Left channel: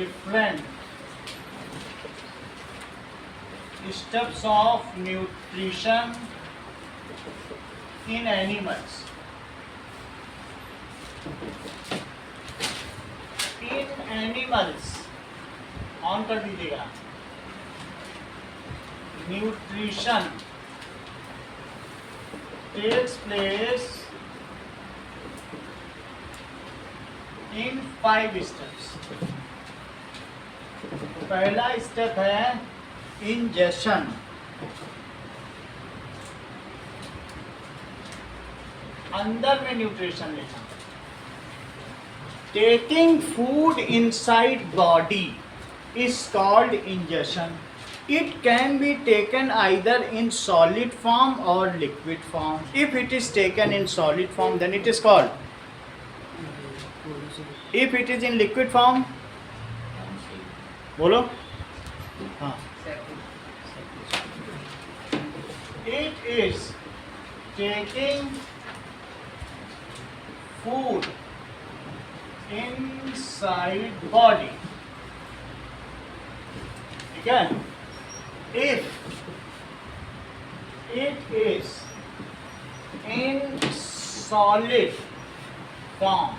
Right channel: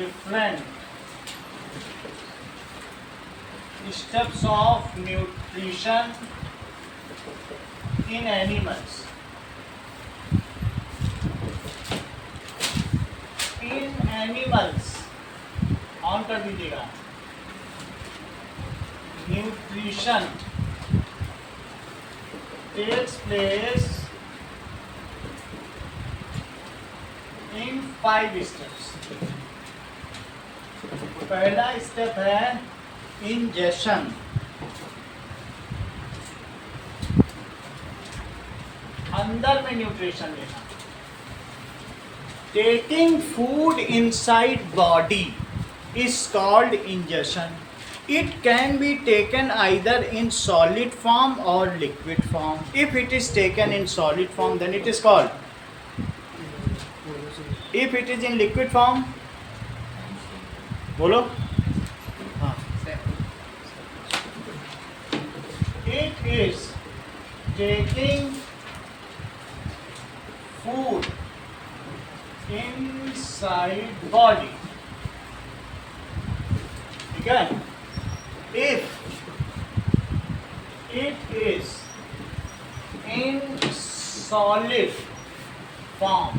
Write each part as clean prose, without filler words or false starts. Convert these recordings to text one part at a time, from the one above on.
different steps of nutrition in animals. In animals, on कर दीजिएगा. Nutrition takes place in 5 steps. तो पहला step है इंजेशन. अंदर में न्यूट्रिशन लेना. Taking food inside body is called ingestion. It can be taken either in solid form or liquid form. If it is taken in solid form, then it is called. If it is in liquid form, बोलो. हाँ. It is taking food inside body. Again, if it is in solid form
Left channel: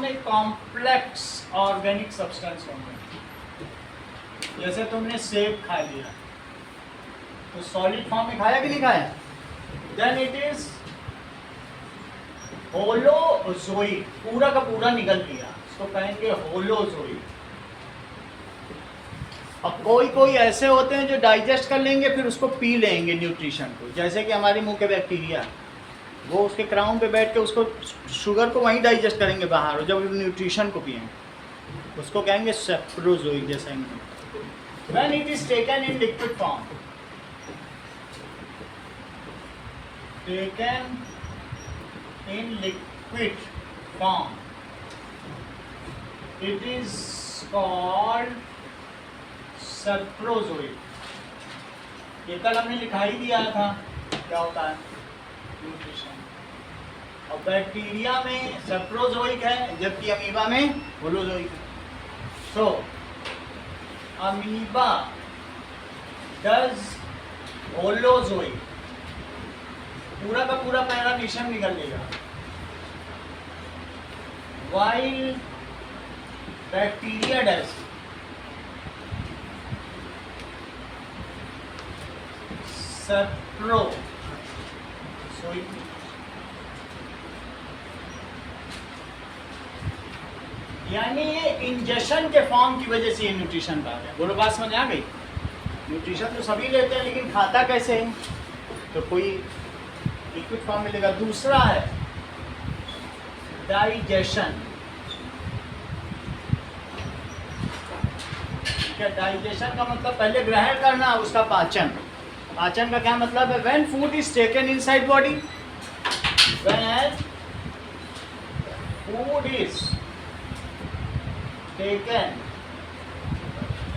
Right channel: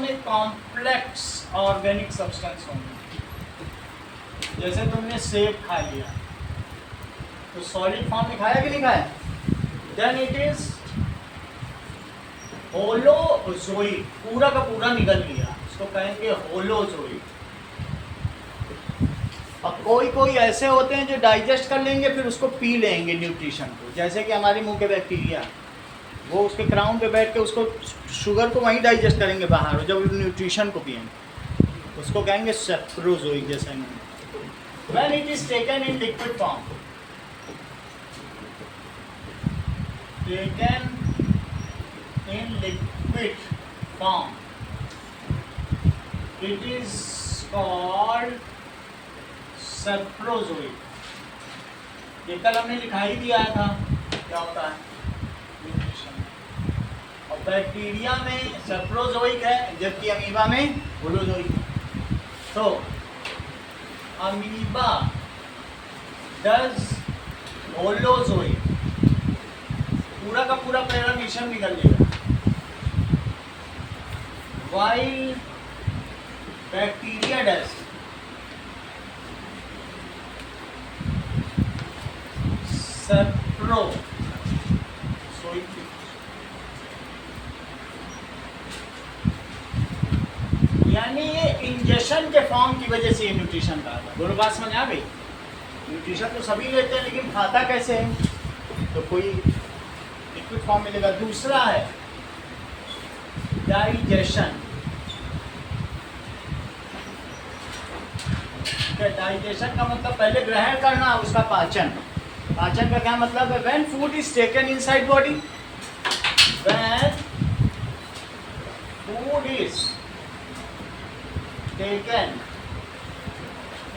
में complex organic substance होंगे. जैसे तुमने सेब खा लिया तो सॉलिड फॉर्म में खाया कि नहीं खाया? Then it is holozoic. पूरा का पूरा निकल लिया, इसको कहेंगे होलोजोइड. अब कोई ऐसे होते हैं जो डाइजेस्ट कर लेंगे फिर उसको पी लेंगे न्यूट्रिशन को. जैसे कि हमारे मुंह के बैक्टीरिया, वो उसके क्राउन पे बैठ के उसको शुगर को वहीं डाइजेस्ट करेंगे बाहर, और जब न्यूट्रिशन को पिएंगे उसको कहेंगे सेप्रोजोइक. जैसा when it is taken in liquid form, taken in liquid form, it is called saprozoic. ये कल हमने लिखा ही दिया था क्या होता है न्यूट्रिशन. और बैक्टीरिया में सेप्रोजोइक है जबकि अमीबा में होलोजोइक है. तो अमीबा डज होलोजोइक, पूरा का पूरा पैरामीशन निकल लेगा. While bacteria does saprozoic. यानी ये इंजेक्शन के फॉर्म की वजह से ये न्यूट्रिशन कहा गया. दोनों बात समझ आ गई? न्यूट्रिशन तो सभी लेते हैं लेकिन खाता कैसे है? तो कोई लिक्विड फॉर्म मिलेगा. दूसरा है डाइजेशन. डाइजेशन का मतलब पहले ग्रहण करना, उसका पाचन. पाचन का क्या मतलब है? When food is taken inside body, when food is taken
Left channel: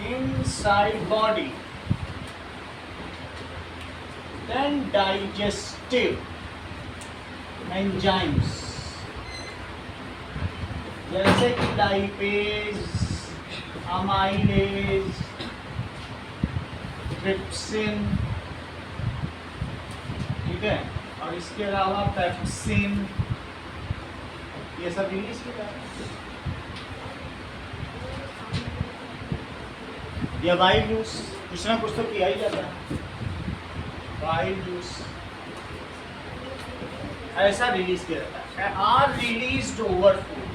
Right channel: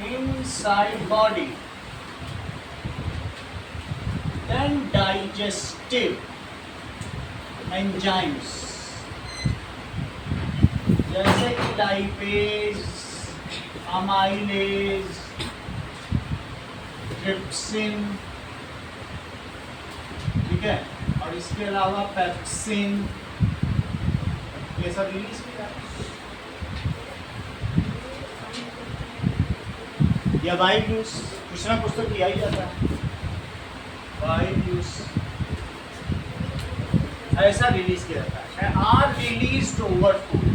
inside body, then digestive enzymes जैसे कि लाइपेज, अमाइलेज, ट्रिप्सिन, ठीक है, और इसके अलावा पेप्सिन, ये सब रिलीज किया जाता है. या वाइल जूस, कुछ ना कुछ तो किया ही जाता है. वाइल जूस ऐसा रिलीज किया जाता है. Are release over food.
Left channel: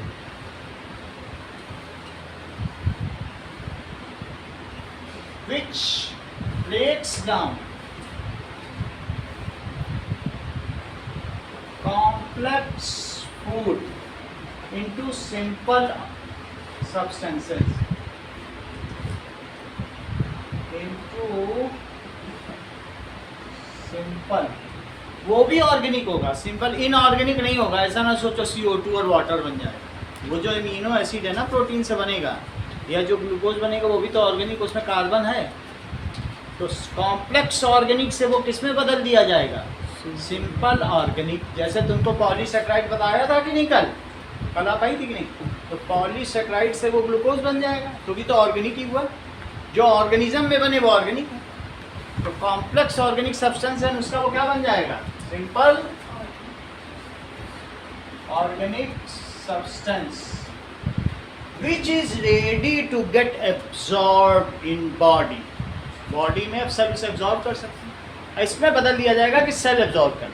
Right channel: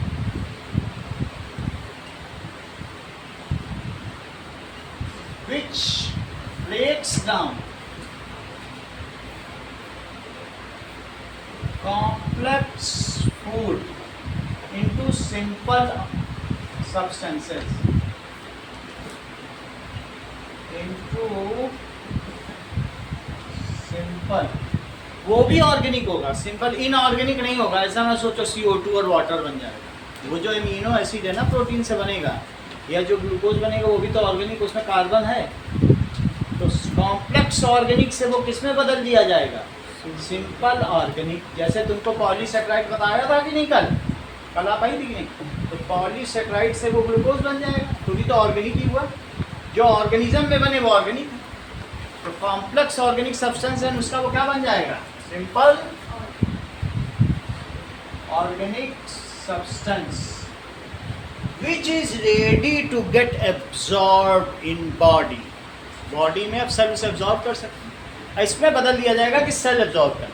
Which breaks down complex food into simple substances. Into simple. वो भी ऑर्गेनिक होगा, सिंपल. इनऑर्गेनिक नहीं होगा. ऐसा ना सोचो CO2 और वाटर बन जाएगा. वो जो एमिनो एसिड है ना प्रोटीन से बनेगा, या जो ग्लूकोज बनेगा वो भी तो ऑर्गेनिक, उसमें कार्बन है. तो कॉम्प्लेक्स ऑर्गेनिक से वो किस में बदल दिया जाएगा? Simple organic. जैसे तुमको पॉलीसेक्राइड बताया था कि नहीं कल आप आई थी कि नहीं? तो पॉलीसेक्राइड से वो ग्लूकोज बन जाएगा, क्योंकि तो ऑर्गेनिक ही हुआ, जो ऑर्गेनिज्म में बने वो ऑर्गेनिक है। तो कॉम्प्लेक्स ऑर्गेनिक सब्सटेंस है उसका वो क्या बन जाएगा, simple organic substance which is ready to get absorb in body. Body में अब सब इसे एब्जॉर्ब कर सकते हैं, इसमें बदल दिया जाएगा कि सेल एब्जॉर्ब कर,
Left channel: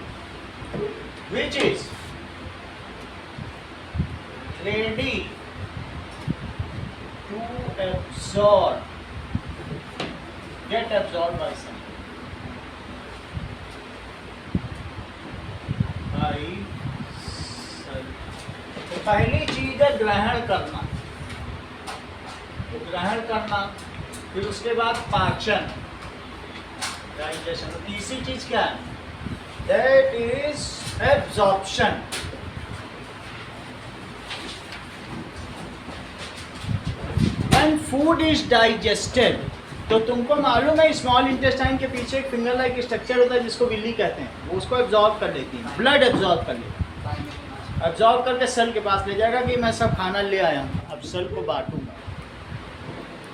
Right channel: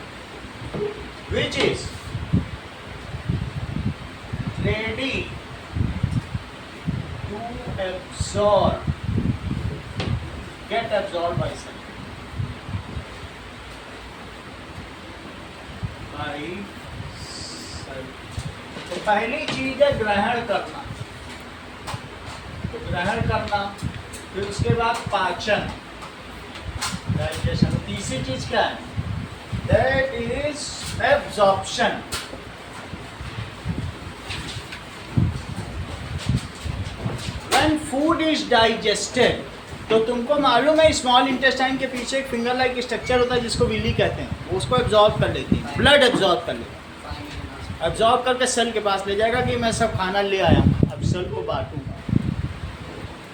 which is ready to absorb get absorb by cell, by cell. तो पहली चीज है ग्रहण करना, तो ग्रहण करना, फिर उसके बाद पाचन डाइजेशन। तीसरी चीज क्या है, that is absorption. When food is digested, तो तुमको मालूम है स्मॉल इंटेस्टाइन के पीछे एक फिंगर लाइक स्ट्रक्चर होता है जिसको विली कहते हैं, वो उसको एब्जॉर्ब कर लेती है, ब्लड एब्जॉर्ब कर लेता है, एब्जॉर्ब करके सेल के पास ले जाएगा कि मैं सब खाना ले आया हूँ, अब सेल को बांटूंगा।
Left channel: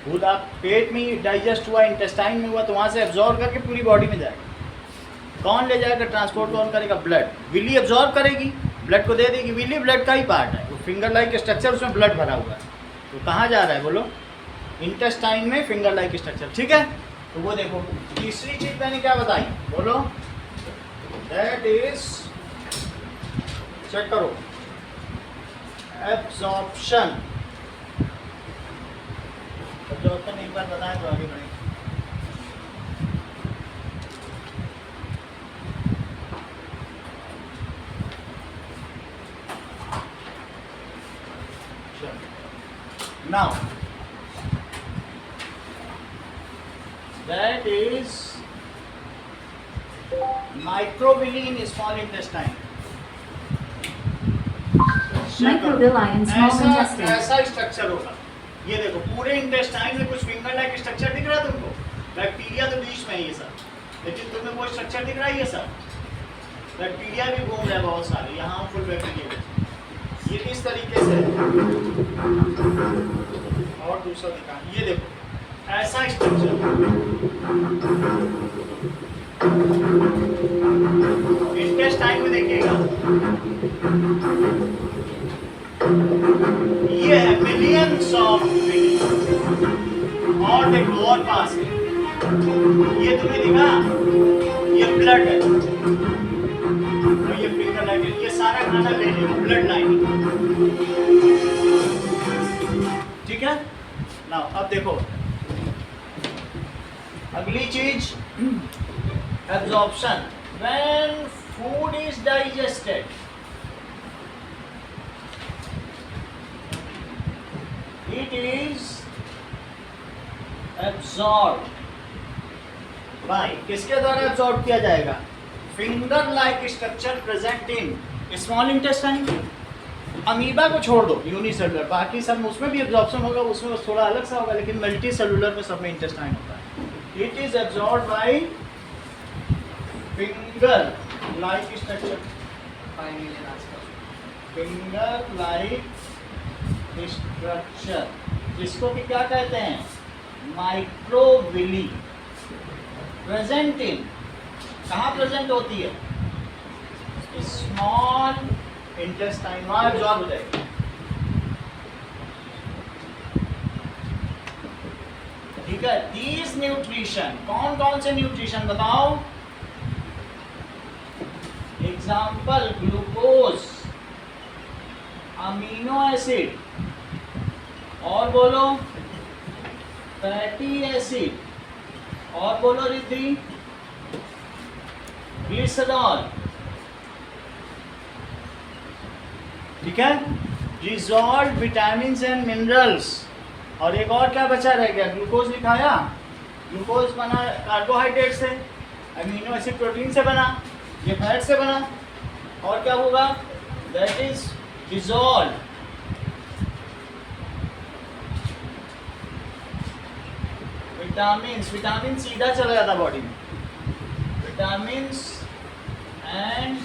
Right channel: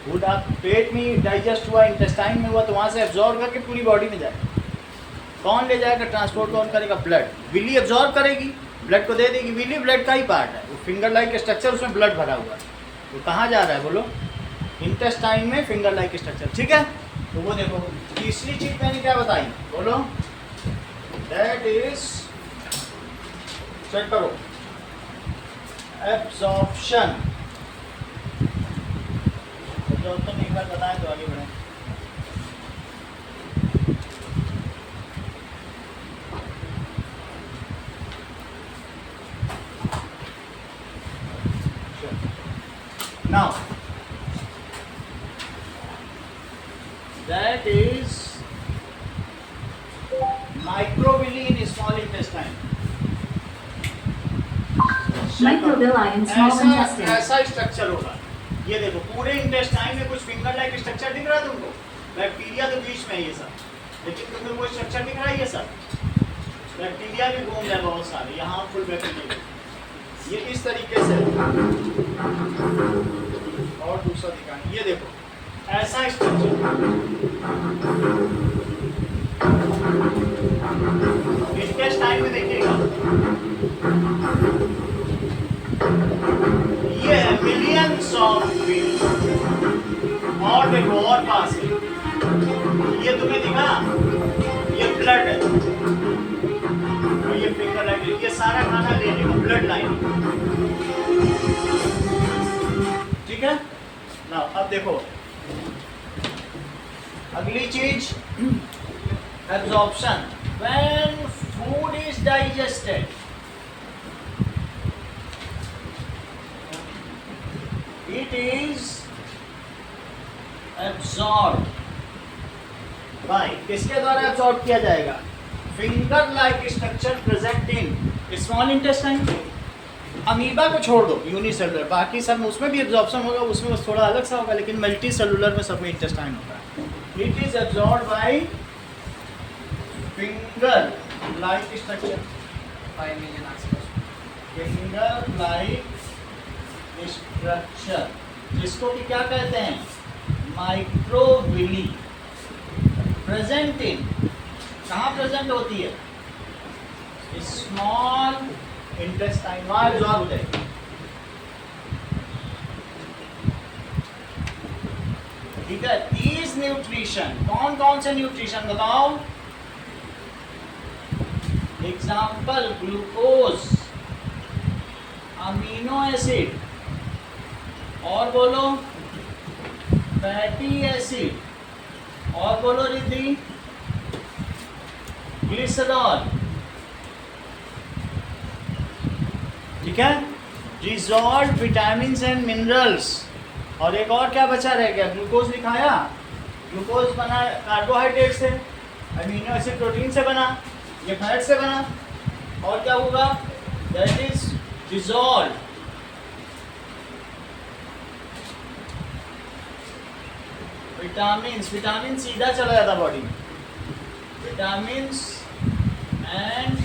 फूड आप पेट में डाइजेस्ट हुआ, इंटेस्टाइन में हुआ, तो वहाँ से एब्जॉर्ब करके पूरी बॉडी में जाएगा। कौन ले जाएगा, ट्रांसपोर्ट कौन करेगा, ब्लड। विली एब्जॉर्ब करेगी, ब्लड को दे देगी, विली ब्लड का ही पार्ट है, वो फिंगर लाइक स्ट्रक्चर उसमें ब्लड भरा हुआ है, तो कहाँ जा रहा है बोलो, इंटेस्टाइन में फिंगर लाइक स्ट्रक्चर, ठीक है। तो वो देखो तीसरी चीज मैंने क्या बताई, बोलो, दैट इज, चेक करो, एब्जॉर्प्शन। एब्जॉर्प्शन एक बार बताएं तो आगे बढ़े। Now that is microvilli in small intestine. Microvilli in small intestine. ऐसा स्ट्रक्चर होगा, ये देखो पूरे इंटेस्टाइन में कुछ फिंगर लाइक स्ट्रक्चर दिख रहा है तुमको, बैक्टीरिया तो बीच में है ये सब, लेकिन तुम्हें वो स्ट्रक्चर दिख रहा है, ये सब बैक्टीरिया भी घूम रहे हैं बहुत सारे, यहाँ फुल बैक्टीरिया, ये इस तरीके से। और दूसरा दिखा, ये देखो ऐसा स्ट्रक्चर, इंटेस्टाइन में देखिएगा, ये है मिलियंस ऑफ विली। और देखो और पास है, ये तुम्हें दिखा, ये ब्लड है, ये फिंगर लाइन, ये सारा खाना ले लेगा ब्लड लाइन, ठीक है ना। अब देखो अगली चीज, absorption. When food is digested, it is absorb by, किसके द्वारा एब्जॉर्ब किया जाएगा, finger like structure present in small intestine. Amoeba को छोड़ दो, यूनिसेलुलर, बाकी सब उसमें भी एब्जॉर्प्शन होगा, उसमें बस थोड़ा अलग सा होगा, लेकिन मल्टी सेलुलर में सब में इंटेस्टाइन होता है। It is absorb by finger like structure, finger like structure, जिसको कि क्या कहते हैं, माइक्रोविली, प्रेजेंट इन, कहाँ प्रेजेंट होती है, स्मॉल इंटेस्टाइन, वहाँ एब्जॉर्ब हो जाएगी। ठीक है, दीज न्यूट्रिशन, कौन कौन से न्यूट्रिशन बताओ, एग्जाम्पल ग्लूकोज, अमीनो एसिड, और बोलो फैटी एसिड, और बोलो रिद्धि ग्लिसरॉल, ठीक है, डिसॉल्व्ड विटामिन्स एंड मिनरल्स। और एक और क्या बचा रह गया, ग्लूकोज लिखाया, ग्लूकोज बना कार्बोहाइड्रेट से, अमीनो एसिड प्रोटीन से बना, ये फैट से बना, और क्या होगा, that is dissolve vitamins, vitamin सीधा चला जाता बॉडी में, विटामिन्स एंड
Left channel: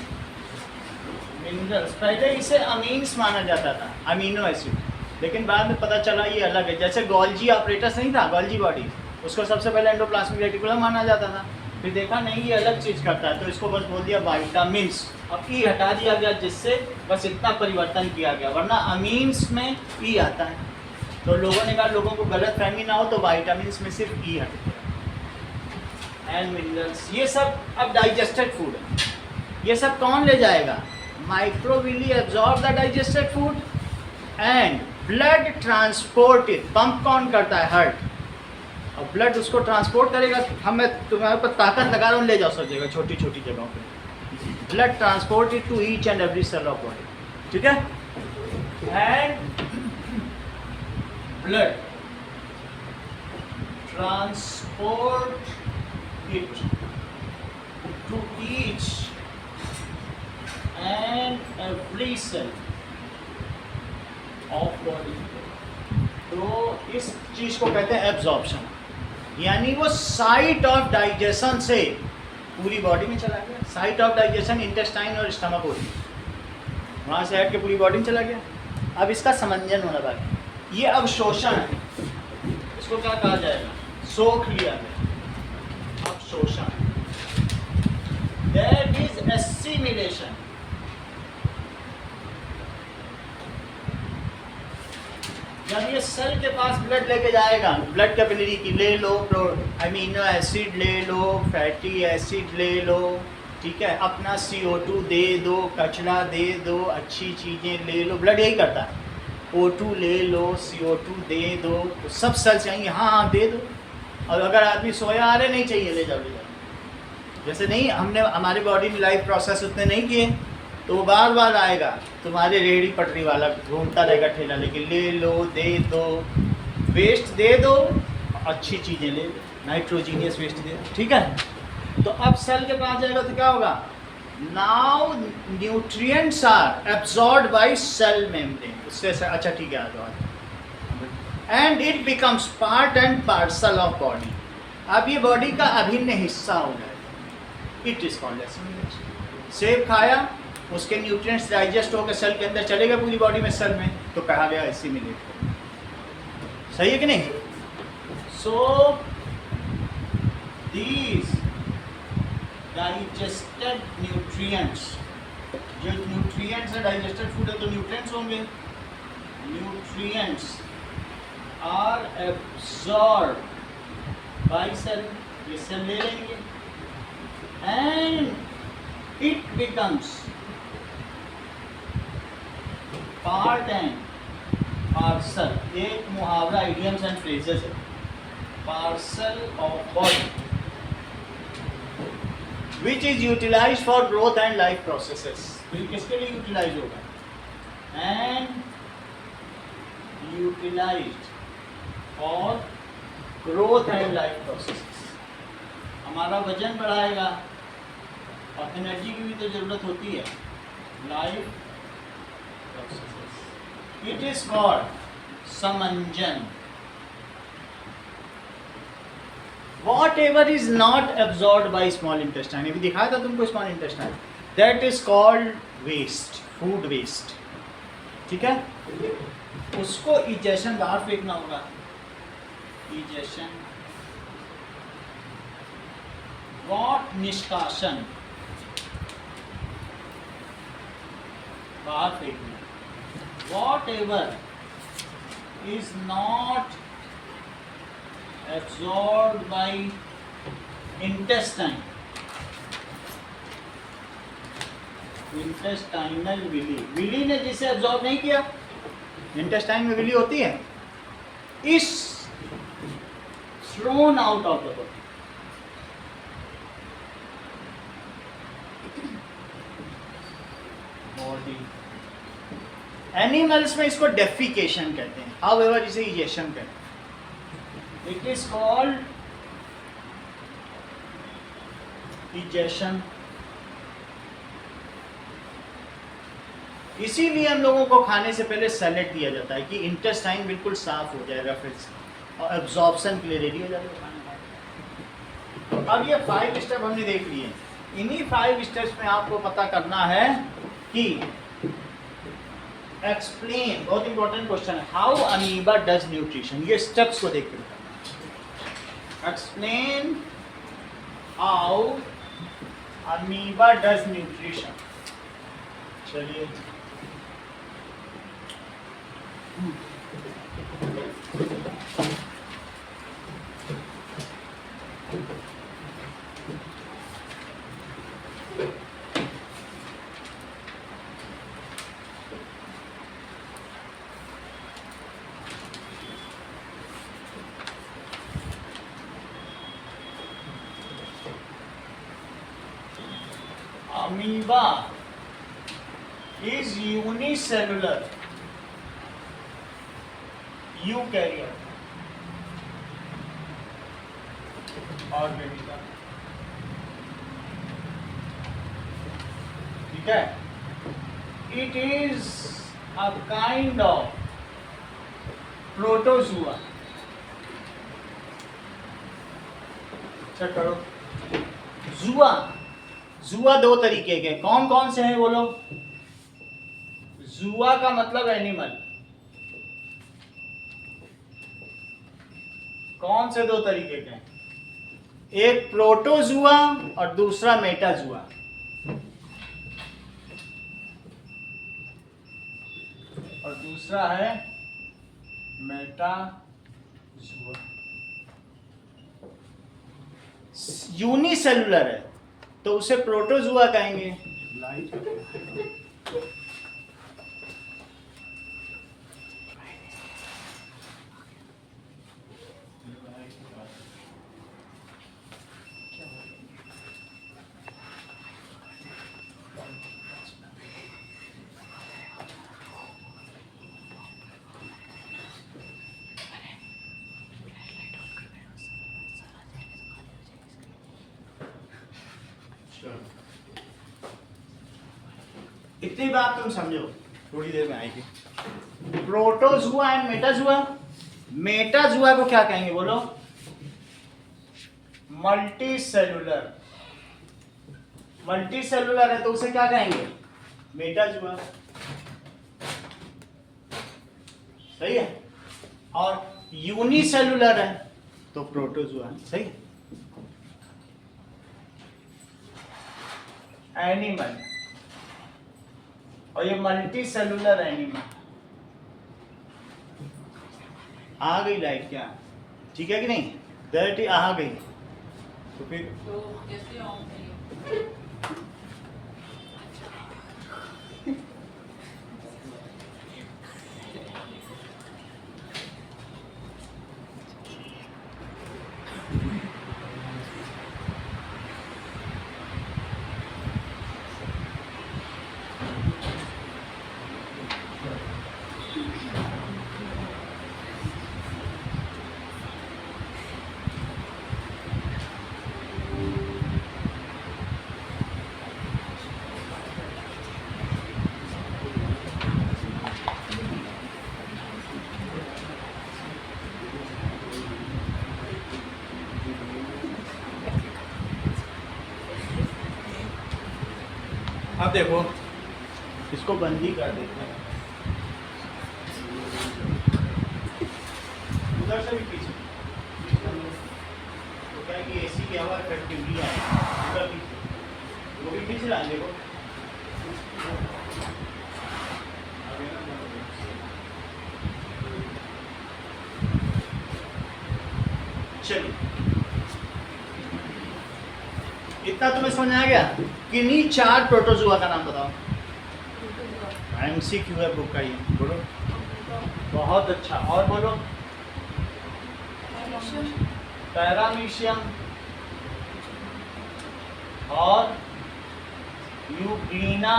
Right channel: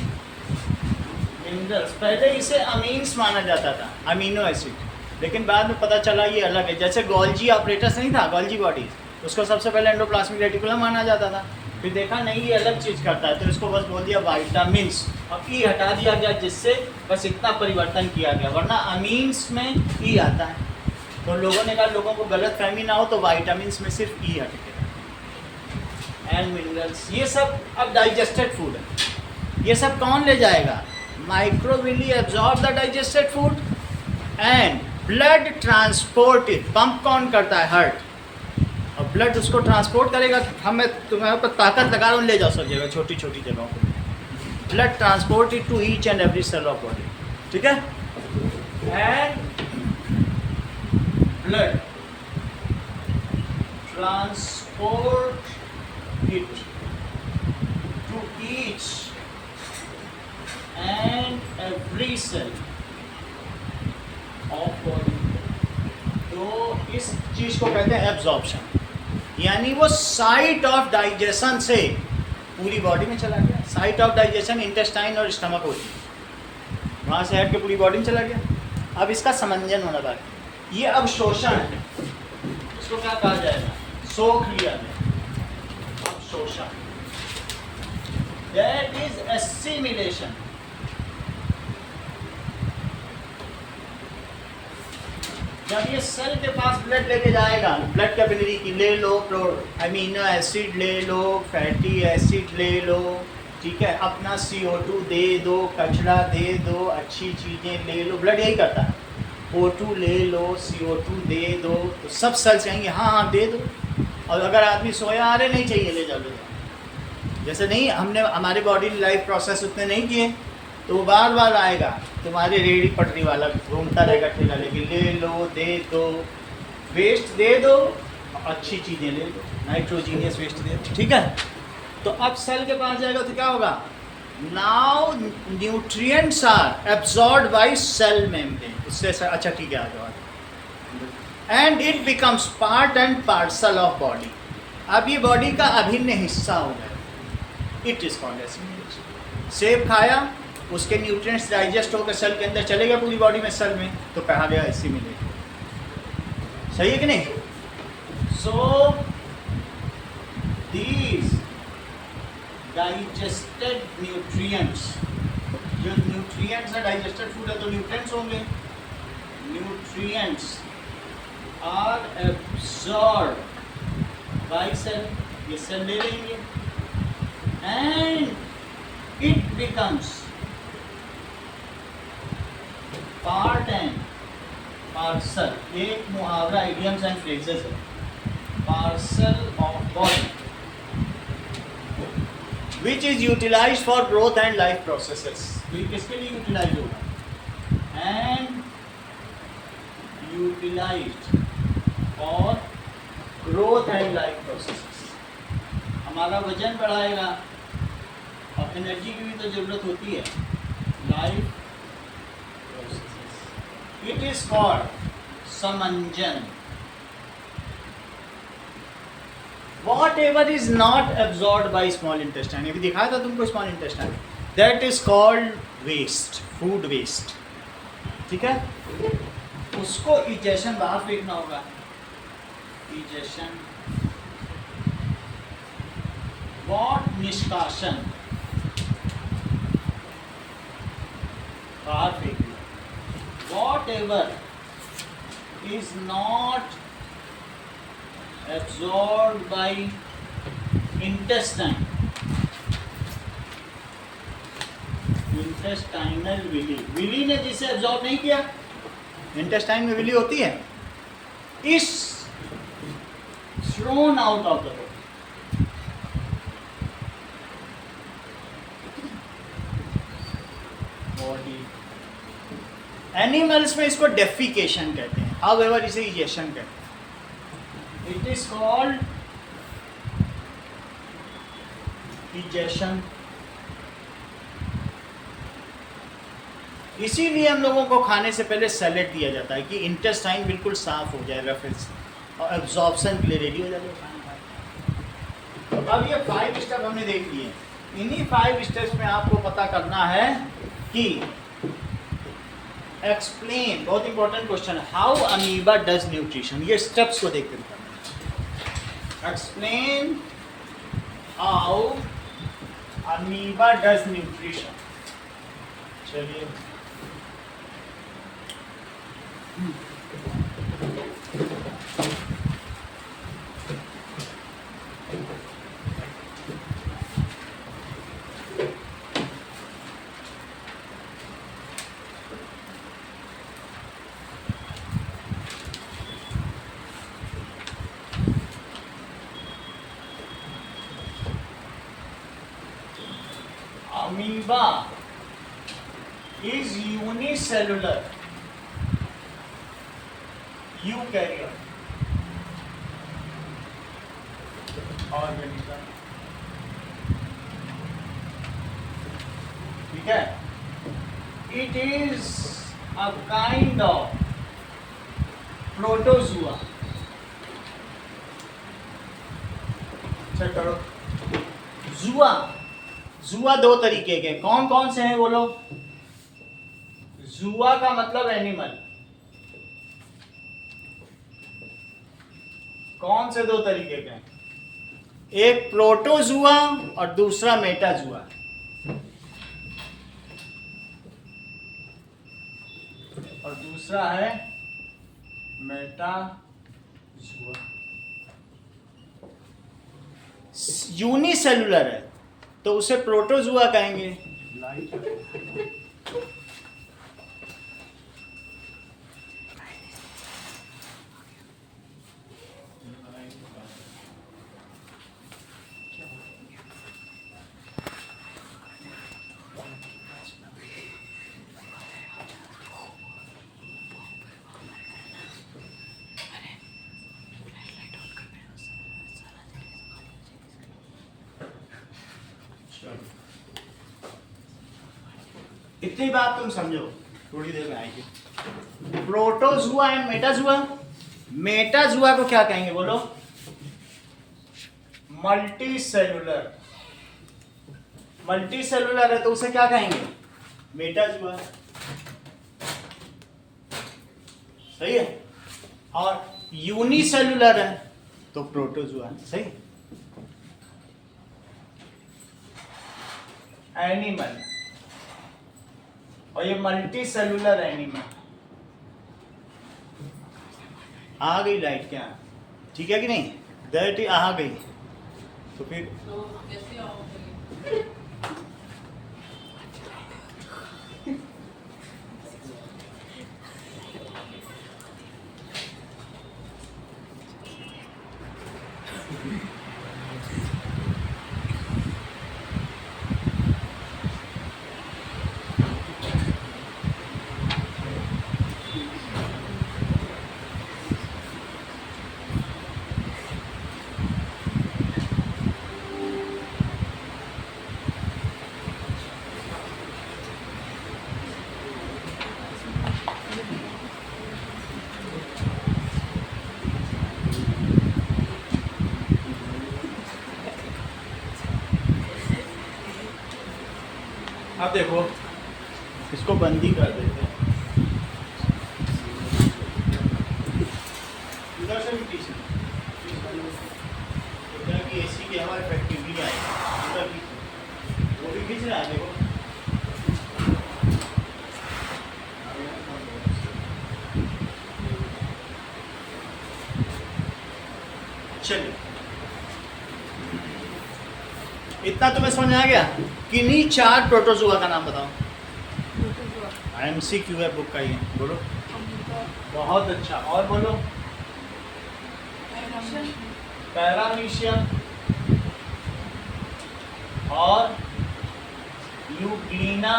मिनरल्स। पहले इसे अमीन्स माना जाता था, अमीनो एसिड, लेकिन बाद में पता चला ये अलग है। जैसे गोल्जी ऑपरेटस नहीं था, गोल्जी बॉडी, उसको सबसे पहले एंडोप्लाज्मिक रेटिकुलम माना जाता था, फिर देखा नहीं ये अलग चीज़ करता है, तो इसको बस बोल दिया वाइटामिन्स। अब ई हटा दिया गया, जिससे बस इतना परिवर्तन किया गया, वरना अमीन्स में ई आता है। तो लोगों ने कहा लोगों को गलत फहमी ना हो, तो वाइटामिन्स में सिर्फ ई हट गया। एंड मिनरल्स, ये सब अब डाइजेस्टेड फूड है। ये सब कौन ले जाएगा? Microvilli absorb the digested food and blood transport it. Pump कौन करता है? हार्ट। और ब्लड उसको ट्रांसपोर्ट करेगा। हमें तुम्हारे पर ताकत लगा रहा हूँ, ले जाओ सब जगह, छोटी छोटी जगहों पर। Blood transport it to each and every cell of body, ठीक है। And blood transport it to each and every cell of body। तो इस चीज को कहते हैं एब्जॉर्प्शन, यानी वो साइट ऑफ डाइजेशन से पूरी बॉडी में चला गया। साइट ऑफ डाइजेशन इंटेस्टाइन और स्टमक होती है, वहां से हट के पूरी बॉडी में चला गया। अब इसका समंजन होना बाकी। ये अवशोषण है, इसको क्या कहा जाएगा? सोख लिया गया, अवशोषण। That is assimilation। जब ये सेल के पास ब्लड लेके जाएगा, ब्लड कैपिलरी की ले लो, अमीनो एसिड ले लो, फैटी एसिड ले लो, ठीक है, अपना CO2 दे दो, कचरा दे दो, अच्छी चीज़ें ले लो। ब्लड यही करता है, O2 ले लो, CO2 दे दो, तो सब सेल्स आएंगे हाँ हाँ दे दो। और अगर आदमी सोया आ रहे नहीं चाहिए, ले जाओ ले जाओ। जैसे नहीं, हमने हमारे बॉडी में लाइफ प्रोसेस उतने नहीं किए, तो वो बार बार आएगा। तुम्हारे रेहड़ी पटरी वाला घूमता रहेगा ठेला लेके, ले लो, दे दो, वेस्ट दे दो, अच्छी चीज़ें ले लो, नाइट्रोजीनियस वेस्ट दे दो, ठीक है। तो अब सेल के पास जाएगा तो क्या होगा? Now nutrients are absorbed by cell membrane. उससे अच्छा ठीक है, आ जाओ। And it becomes part and parcel of body. अब ये बॉडी का अभिन्न हिस्सा हो गया। It is called assimilation. सेब खाया, उसके न्यूट्रिएंट्स डाइजेस्ट होकर सेल के अंदर चले गए पूरी बॉडी में, सेल में, तो कहा गया एसिमिलेट। सही है कि नहीं? सो दीज डाइजेस्टेड न्यूट्रिएंट्स, जो न्यूट्रिएंट्स है, डाइजेस्टेड फूड है तो न्यूट्रिएंट्स होंगे। Nutrients are absorb by cell, ये सेल ले लेंगे, and it becomes part and parcel। एक मुहावरा, idioms and phrases है, parcel of body which is utilized for growth and life processes। तो ये किसके लिए यूटिलाइज होगा? and utilized for growth and life processes। हमारा वजन बढ़ाएगा और एनर्जी की भी तो जरूरत होती है, life processes. It is called समंजन। Whatever is not absorbed by small intestine, अभी दिखाया था तुमको small intestine, that is called waste, food waste, ठीक है। उसको इजेशन बाहर फेंकना होगा, इजेशन। वॉट निष्कासन, बाहर फेंक दिया। Whatever is not absorbed by intestine, intestinal villi, villi ने जिसे एब्जॉर्ब नहीं किया, इंटेस्टाइन में विली होती है, is thrown out of the body. Animals में इसको डेफिकेशन कहते हैं, हाउएवर इसे इजेशन कहते हैं। It is called egestion. इसीलिए हम लोगों को खाने से पहले सैलेड दिया जाता है कि इंटेस्टाइन बिल्कुल साफ हो जाएगा फिर से, और एब्जॉर्प्शन के लिए रेडी हो जाएगा खाना। अब ये 5 स्टेप हमने देख लिए। इन्हीं 5 स्टेप्स में आपको पता करना है कि एक्सप्लेन, बहुत इंपॉर्टेंट क्वेश्चन है, हाउ अमीबा डज न्यूट्रिशन, ये स्टेप्स को देख कर explain how amoeba does nutrition. चलिए amoeba is unicellular eukaryote organism, ठीक है। It is a kind of protozoa, check करो। जुआ, जुआ दो तरीके के, कौन कौन से हैं बोलो। जुआ का मतलब एनिमल, कौन से दो तरीके के हैं, एक प्रोटोजुआ और दूसरा मेटाजुआ। और दूसरा है मेटाजुआ। यूनिसेलुलर है तो उसे प्रोटोजुआ कहेंगे। इतनी बात तुम समझो, थोड़ी देर में आएगी। प्रोटोजुआ एंड मेटाजुआ, मेटाजुआ को क्या कहेंगे बोलो, मल्टी सेलुलर। मल्टी सेलुलर है तो उसे क्या कहेंगे, मेटाजुआ, सही है। और यूनिसेलुलर है तो प्रोटोजुआ, सही। एनिमल, और ये मल्टी सेलुलर एनिमल। आ गई लाइट क्या, ठीक है कि नहीं, गई आ गई तो फिर अब देखो इसको बंदी कर देते हैं, उधर से भी पीछे उधर की एसी की हवा इफेक्टिवली आएगी, उधर भी वो भी खींच रहा है देखो। चलिए इतना तुम्हें समझ आ गया। किन्हीं 4 प्रोटोजुआ का नाम बताओ। एमसीक्यू है बुक का, ये बोलो। बहुत अच्छा, और बोलो। पैरामीशियम और यूग्लिना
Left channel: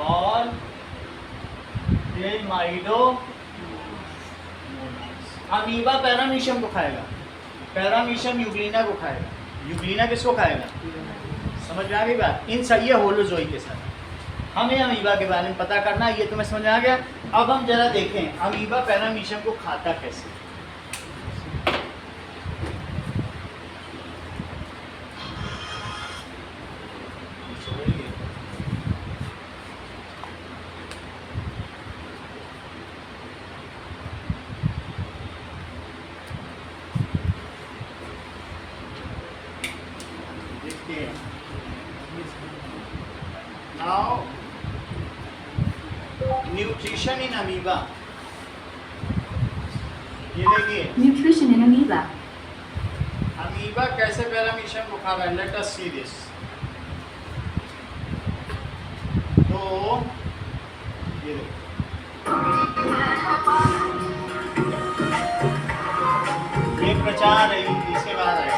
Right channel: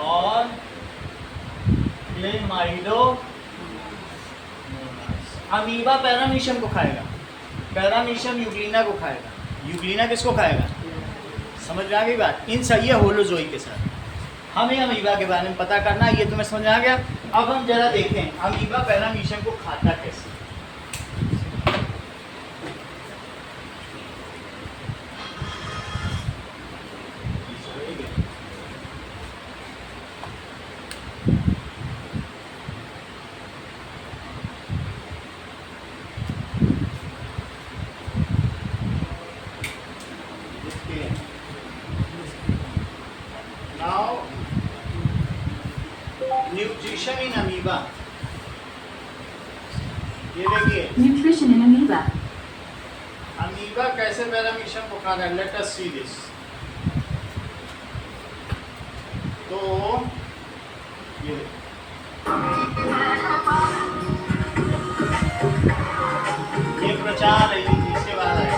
और क्लेमाइडो। अमीबा पैरामीशियम को खाएगा, पैरामीशियम यूग्लिना को खाएगा, यूग्लिना किसको खाएगा, समझ में आ गई बात। इन सब ये होलोजोई के साथ हमें अमीबा के बारे में पता करना, ये तुम्हें समझ आ गया। अब हम जरा देखें अमीबा पैरामीशियम को खाता कैसे। न्यूट्रिशन इन अमीबा, ये देखिए Nutrition in amoeba. अमीबा कैसे पैरामीशियम को खा रहा है, लेट अस सी दिस। तो ये ये प्रचार है, इसके बाद है।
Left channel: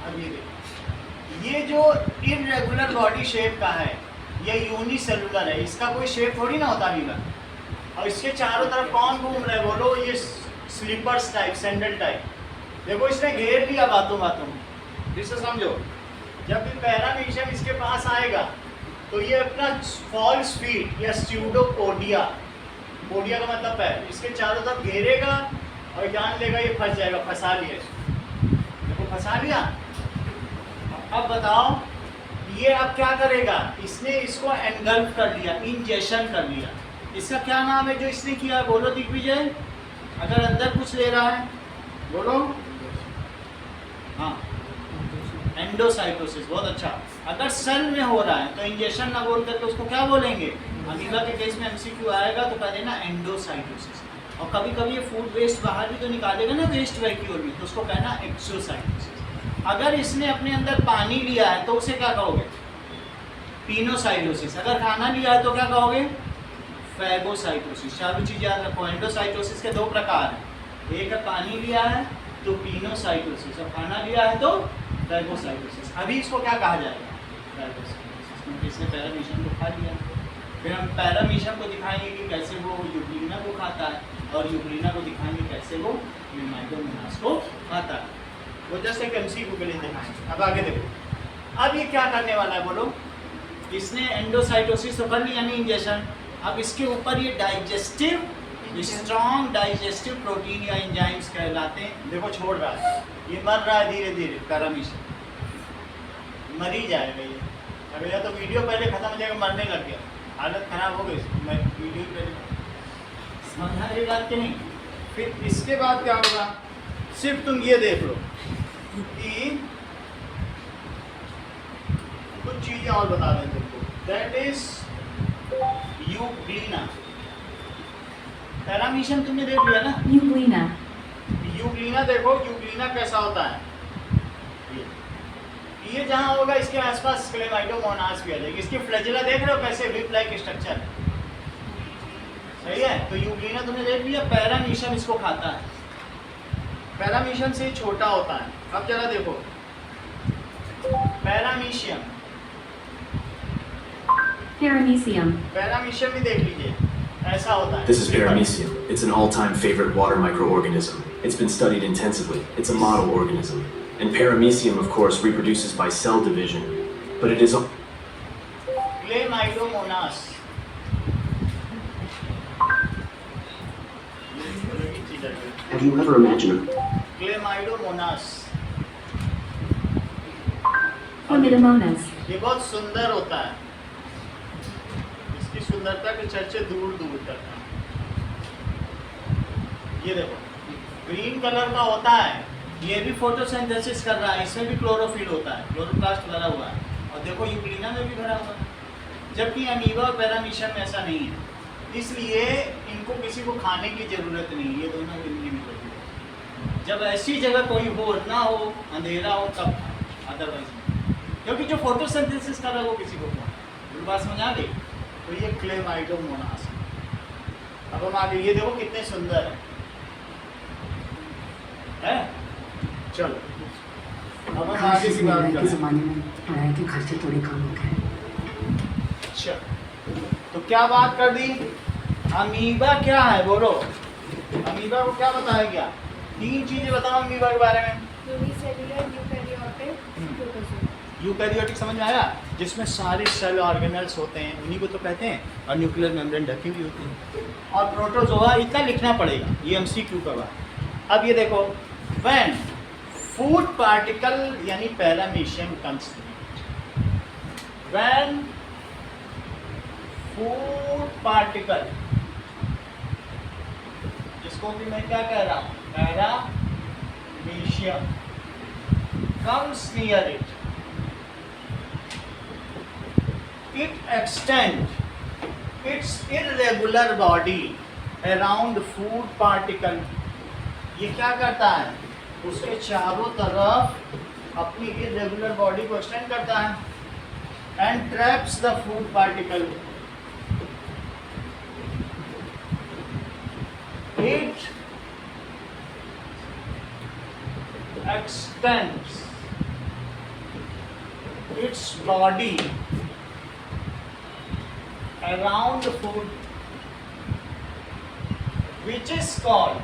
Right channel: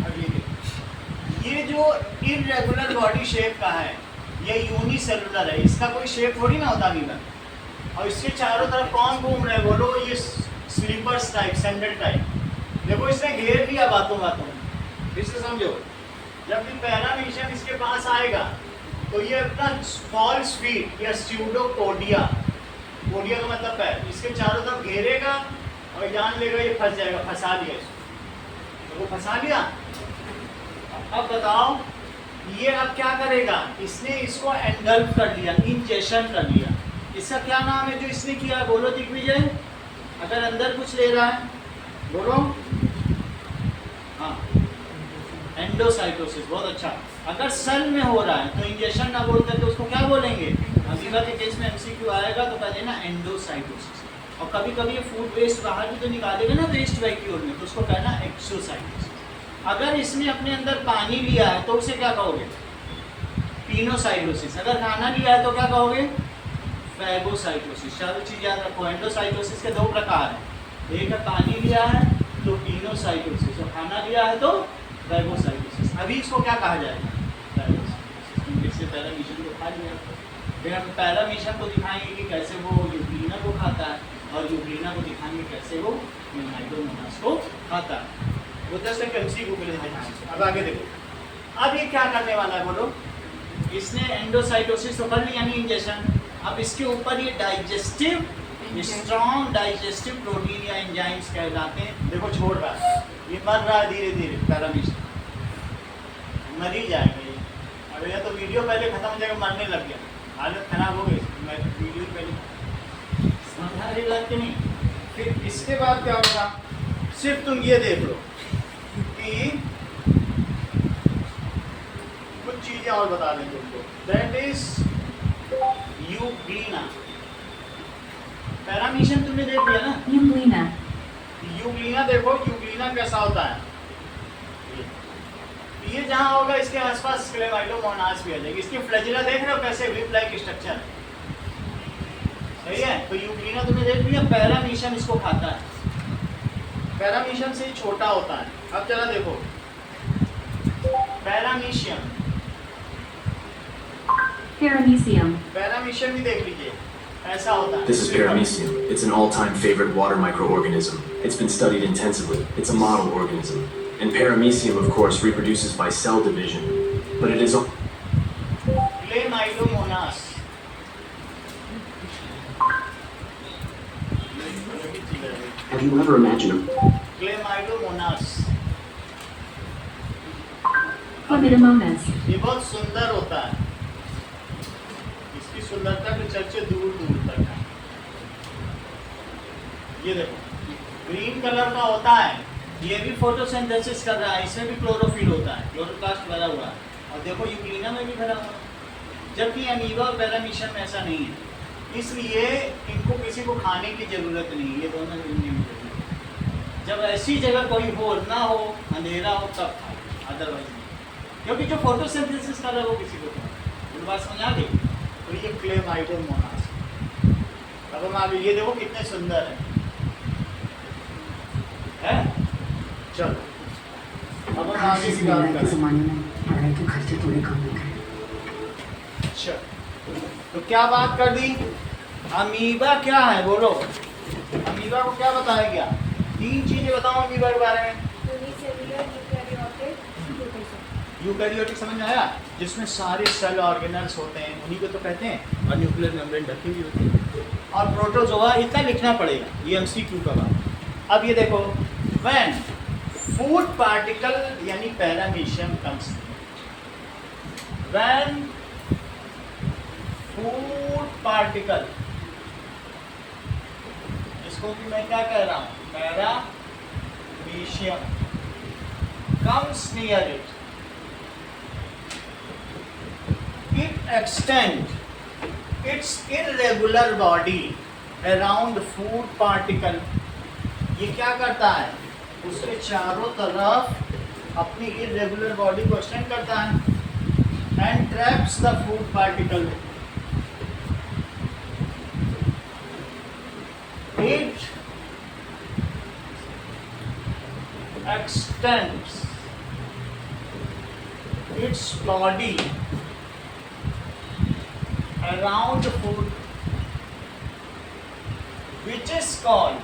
अब ये देखो, ये जो इररेगुलर बॉडी शेप का है ये यूनिसेलुलर है, इसका कोई शेप थोड़ी ना होता अमीबा। और इसके चारों तरफ कौन घूम रहे हैं बोलो, ये स्लीपर्स टाइप, सैंडल टाइप। देखो इसने घेर लिया बातों बातों में, इसे समझो। जब ये पैरामीशियम इसके पास आएगा तो ये अपना फॉल्स फीट या स्यूडोपोडिया, पोडिया का मतलब पैर, इसके चारों तरफ घेरेगा और जान लेगा ये फंस जाएगा, फंसा लिया इसको। देखो फंसा लिया। अब बताओ ये अब क्या करेगा, इसने इसको एंगल्फ कर लिया, इंजेक्शन कर लिया। इसका क्या नाम है जो इसने किया, बोलो दिग्विजय। अगर अंदर कुछ ले रहा है बोलो, हाँ एंडोसाइटोसिस, बहुत अच्छा। अगर सेल में हो रहा है तो इंजेक्शन ना बोल करके उसको क्या बोलेंगे, अमीबा के केस में एमसीक्यू आएगा तो कह देना एंडोसाइटोसिस। और कभी कभी ये फूड वेस्ट बाहर भी तो निकालेगा ना वेस्ट वैक्यूल में, तो उसको कहना एक्सोसाइटोसिस। अगर इसने अपने अंदर पानी लिया है तो उसे क्या कहोगे, पिनोसाइटोसिस। अगर खाना लिया है तो क्या कहोगे, फैगोसाइटोसिस। चारों चीज याद रखो, एंडोसाइटोसिस के दो प्रकार हैं, एक है पानी लिया है तो पिनोसाइटोसिस, और खाना लिया है तो फैगोसाइटोसिस। अभी इसको क्या कहा जाएगा, फैगोसाइटोसिस, क्योंकि इसने पैरामीशियम को खा लिया। फिर हम पैरामीशियम को दिखाएंगे कि कैसे वो यूग्लिना को खाता है, और यूग्लिना को दिखाएंगे कैसे वो मीनाइडोमोनास को खाता है। वो जस्ट एक एमसीक्यू के लिए दिखाएंगे। अब आगे देखो, अब ये क्या करने वाला है बोलो, इसने एंडोसाइटोसिस तो कर लिया, यानी इंजेक्शन। अब इसके ऊपर ये डाइजेस्टिव, स्ट्रॉन्ग डाइजेस्टिव प्रोटीन या एंजाइम्स कहलाते हैं। देखो छोड़ रहा है, ये मर रहा है धीरे धीरे, पैरामीशियम मर ही जाएगा ये। अगर या तो वीडियो पहले खत्म हो जाएगा, मरने लग गया, हालत खराब हो गई, मैं वीडियो पहले समझा रही बात कि नहीं। फिर इसके बाद क्या होगा, सिर्फ तुम ये देख लो कि कुछ चीजें और बता दें तुमको, दैट इज यूग्लिना। पैरामीशियम तुमने देख लिया ना, Euglena. यूग्लिना देखो, यूग्लिना कैसा होता है, ये जहां होगा इसके आसपास क्लेमाइडोमोनास भी आ जाएगी। इसकी फ्लैजिला देख रहे हो कैसे विप लाइक स्ट्रक्चर, सही है। तो यूग्लिना तुमने देख लिया, पैरामीशियम इसको खाता है, पैरामीशियम से ही छोटा होता है। अब जरा देखो पैरामीशियम, Paramecium. पैरामीशियम भी देख लीजिए, ऐसा होता है। This is paramecium. It's an all-time favorite water microorganism. It's been studied intensively. It's a model organism. And paramecium, of course, reproduces by cell division. But it is a... Chlamydomonas, Have you ever imagined a... Chlamydomonas, Chlamydomonas. ये बहुत सुंदर होता है, इसकी सुंदरता की चर्चे दूर दूर तक है। ये देखो ग्रीन कलर का होता है, ये भी फोटोसिंथेसिस कर रहा है, इसमें भी क्लोरोफिल होता है, क्लोरोप्लास्ट भरा हुआ है। और देखो यूग्लिना में भी भरा हुआ है, जबकि अमीबा और पैरामीशियम में ऐसा नहीं है। इसलिए इनको किसी को खाने की जरूरत नहीं है, ये दोनों जिंदगी में जरूरत है। जब ऐसी जगह कोई हो ना हो, अंधेरा हो, तब अदरवाइज नहीं, क्योंकि जो फोटोसिंथेसिस कर रहा है वो किसी को खाना। बात समझ आ गई। तो ये क्लेमाइडोमोनास। अब हम आगे ये देखो कितने सुंदर है? चलो अब हम आगे की बात के करें। ज़माने में पढ़ाई के खर्चे थोड़े कम होते हैं। अच्छा, तो क्या बात कर दी, अमीबा क्या है बोलो, अमीबा को क्या बताया गया, तीन चीजें बताओ अमीबा के बारे में। Unicellular, eukaryotic, protozoa. यूकैरियोटिक समझ में आया, जिसमें सारे सेल ऑर्गेनल्स होते हैं, उन्हीं को तो कहते हैं, और न्यूक्लियर मेम्ब्रेन ढकी हुई होती है। और प्रोटोजोआ इतना लिखना पड़ेगा, ये एमसीक्यू का बात। अब ये देखो, व्हेन फूड पार्टिकल यानी paramecium comes, when food particle, जिसको कि मैं क्या कह रहा हूँ, paramecium comes near it extend its irregular body around food particle, ये क्या करता है, उसके चारों तरफ अपनी irregular body को extend करता है and traps the food particle. It extends its body around the food, which is called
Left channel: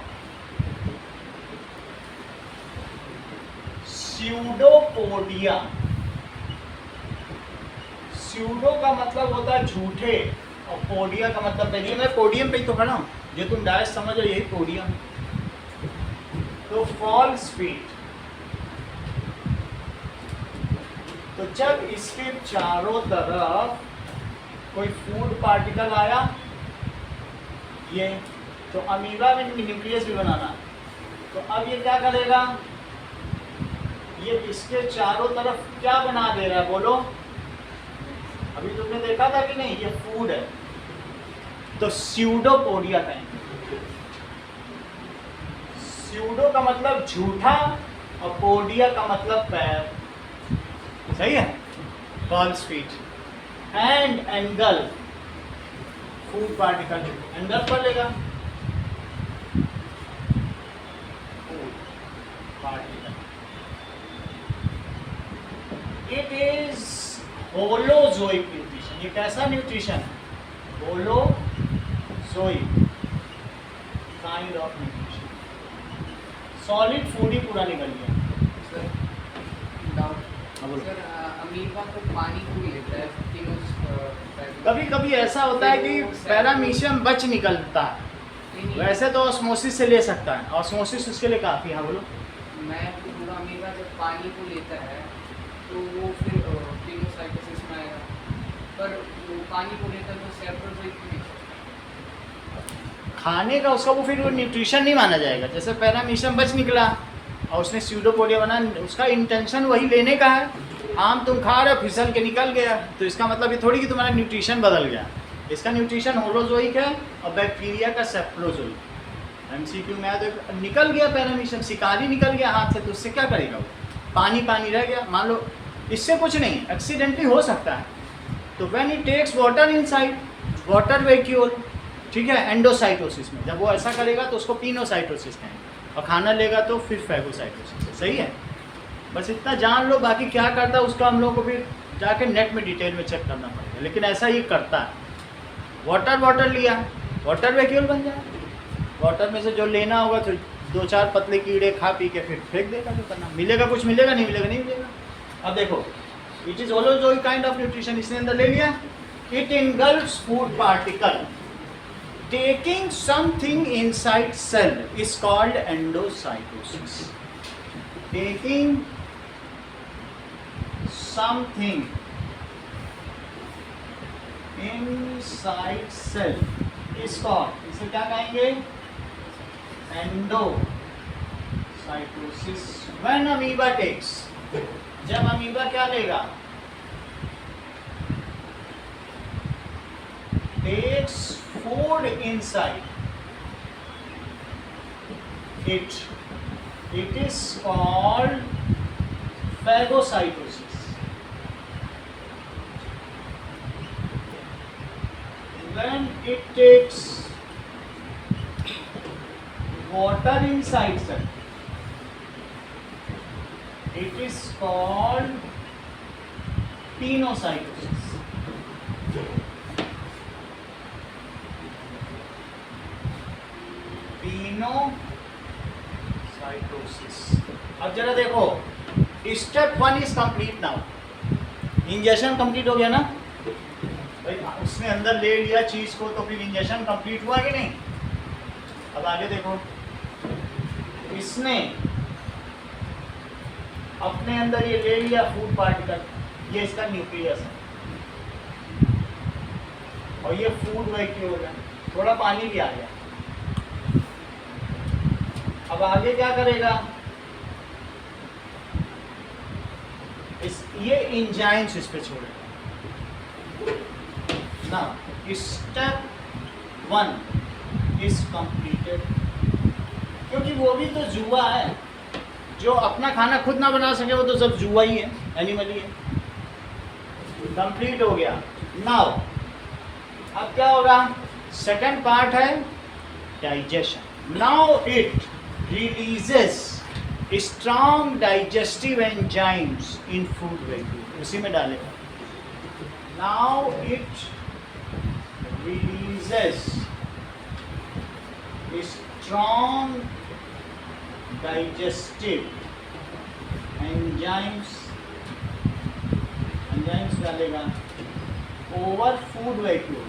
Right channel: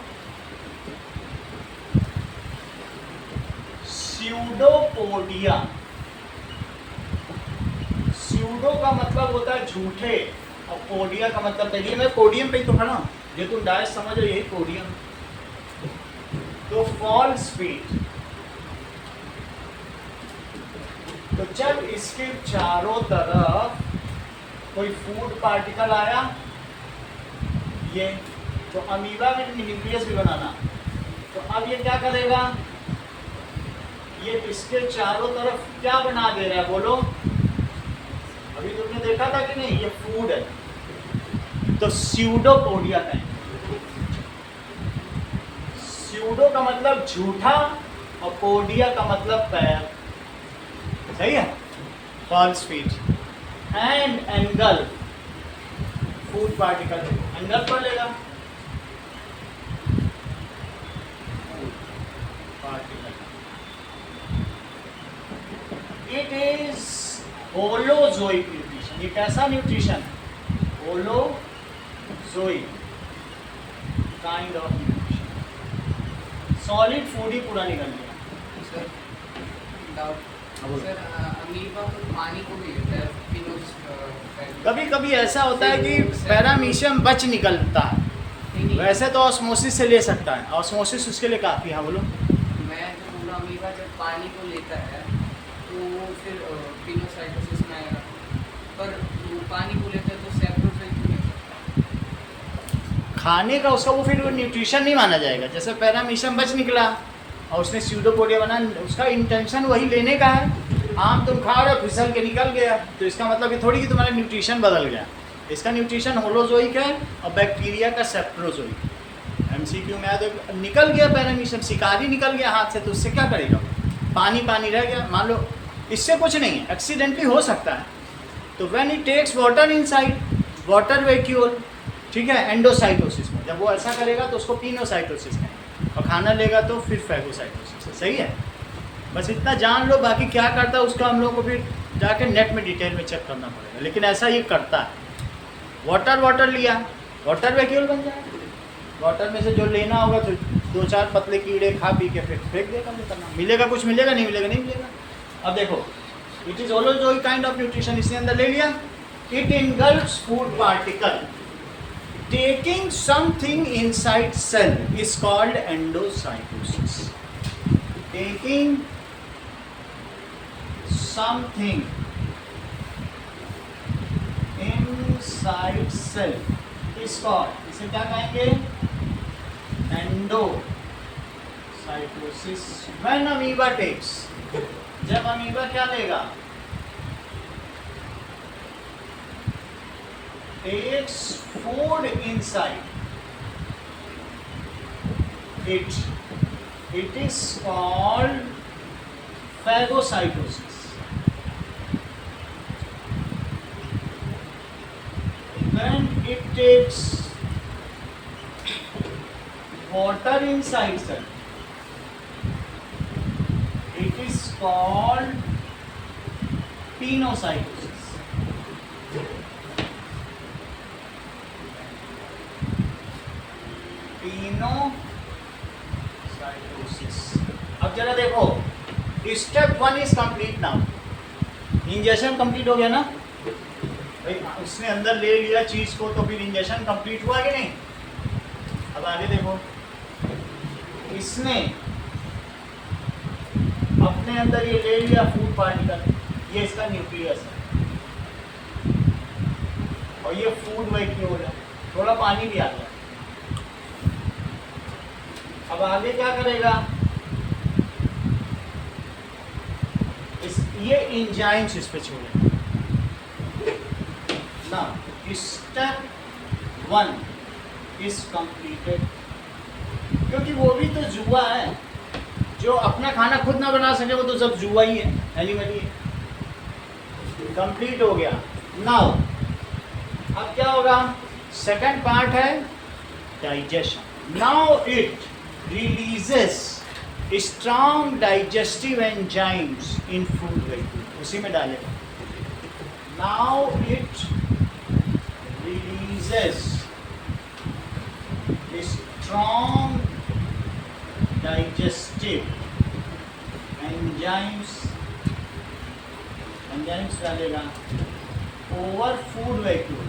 pseudopodia. Pseudo का मतलब होता है झूठे और पोडिया का मतलब, देखिए मैं पोडियम पे ही तो खड़ा हूं, जो तुम डायस समझ रहे हो यही पोडियम। तो फॉल्स फीट, तो जब इसके चारों तरफ कोई फूड पार्टिकल आया, ये तो अमीबा में न्यूक्लियस भी बनाना, तो अब ये क्या करेगा, ये इसके चारों तरफ क्या बना दे रहा है बोलो, अभी तुमने देखा था कि नहीं, ये फूड है, तो स्यूडोपोडिया कहेंगे। स्यूडो का मतलब झूठा और पोडिया का मतलब पैर, सही है, false feet and engulf food particle, engulf पर लेगा food particle. It is holozoic nutrition, ये कैसा न्यूट्रिशन है, holozoic kind of nutrition. Solid food ही पूरा निकल गया। अमीबा तो पानी को भी लेता है, कभी कभी ऐसा होता है कि पैरामीशियम बच निकलता है, वैसे तो ऑस्मोसिस से ले सकता है, ऑस्मोसिस उसके लिए काफ़ी है। बोलो। मैं तो पूरा अमीबा जब पानी को लेता है तो वो फिर पिनोसाइटोसिस में आएगा, पर वो पानी को लेता है तो सैप्रोजोइक भी नहीं। खाने का उसका वो फिर वो न्यूट्रिशन नहीं माना जाएगा। जैसे पैरामीशियम बच निकला और उसने स्यूडोपोडिया बना, उसका इंटेंशन वही लेने का है। आम तुम खा रहे हो, फिसल के निकल गया, तो इसका मतलब ये थोड़ी कि तुम्हारा न्यूट्रिशन बदल गया। इसका न्यूट्रिशन होलोजोइक है और बैक्टीरिया का सेप्रोजोइक। एमसीक्यू में आया तो निकल गया पैरामीशियम, शिकारी निकल गया हाथ से, तो उससे क्या करेगा वो, पानी पानी रह गया। मान लो इससे कुछ नहीं, एक्सीडेंटली हो सकता है। तो when it takes water inside, water vacuole, ठीक है, एंडोसाइटोसिस में जब वो ऐसा करेगा तो उसको पिनोसाइटोसिस में, और खाना लेगा तो फिर फैगोसाइटोसिस। सही है, बस इतना जान लो। बाकी क्या करता है उसका हम लोग को फिर जाके नेट में डिटेल में चेक करना पड़ेगा, लेकिन ऐसा ये करता है। वाटर लिया, वाटर वैक्यूल बन जाए, वाटर में से जो लेना होगा तो 2-4 पतले कीड़े खा पी के फिर फेंक देगा। जो करना मिलेगा, कुछ मिलेगा, नहीं मिलेगा नहीं मिलेगा। अब देखो, it is holozoic kind of nutrition, इसने अंदर ले लिया। It engulfs food particle taking something inside cell is called endocytosis. Taking something inside cell is called, इसे क्या कहेंगे, endocytosis. When amoeba takes, जब अमीबा क्या लेगा, takes food inside it, it is called phagocytosis. When it takes water inside cell, it is called pinocytosis. Pinocytosis. अब जरा देखो, step 1 is complete now. Injection complete हो गया ना भाई, उसने अंदर ले लिया चीज को, तो फिर इंजेक्शन कंप्लीट हुआ कि नहीं। अब आगे देखो, इसने अपने अंदर ये ले लिया फूड पार्टिकल, ये इसका न्यूक्लियस है, और ये फूड वैक्यूल है, थोड़ा पानी भी आ गया। अब आगे क्या करेगा, ये एंजाइम्स इस पे छोड़ेगा ना, स्टेप 1 इज कंप्लीटेड। क्योंकि वो भी तो जुआ है, जो अपना खाना खुद ना बना सके वो तो सब जुआ ही है, एनिमली है। कंप्लीट हो गया। नाउ अब क्या होगा, सेकंड पार्ट है digestion. Now it releases strong digestive enzymes in food vacuole, उसी में डालेगा। Now it releases strong digestive enzymes डालेगा over food vacuole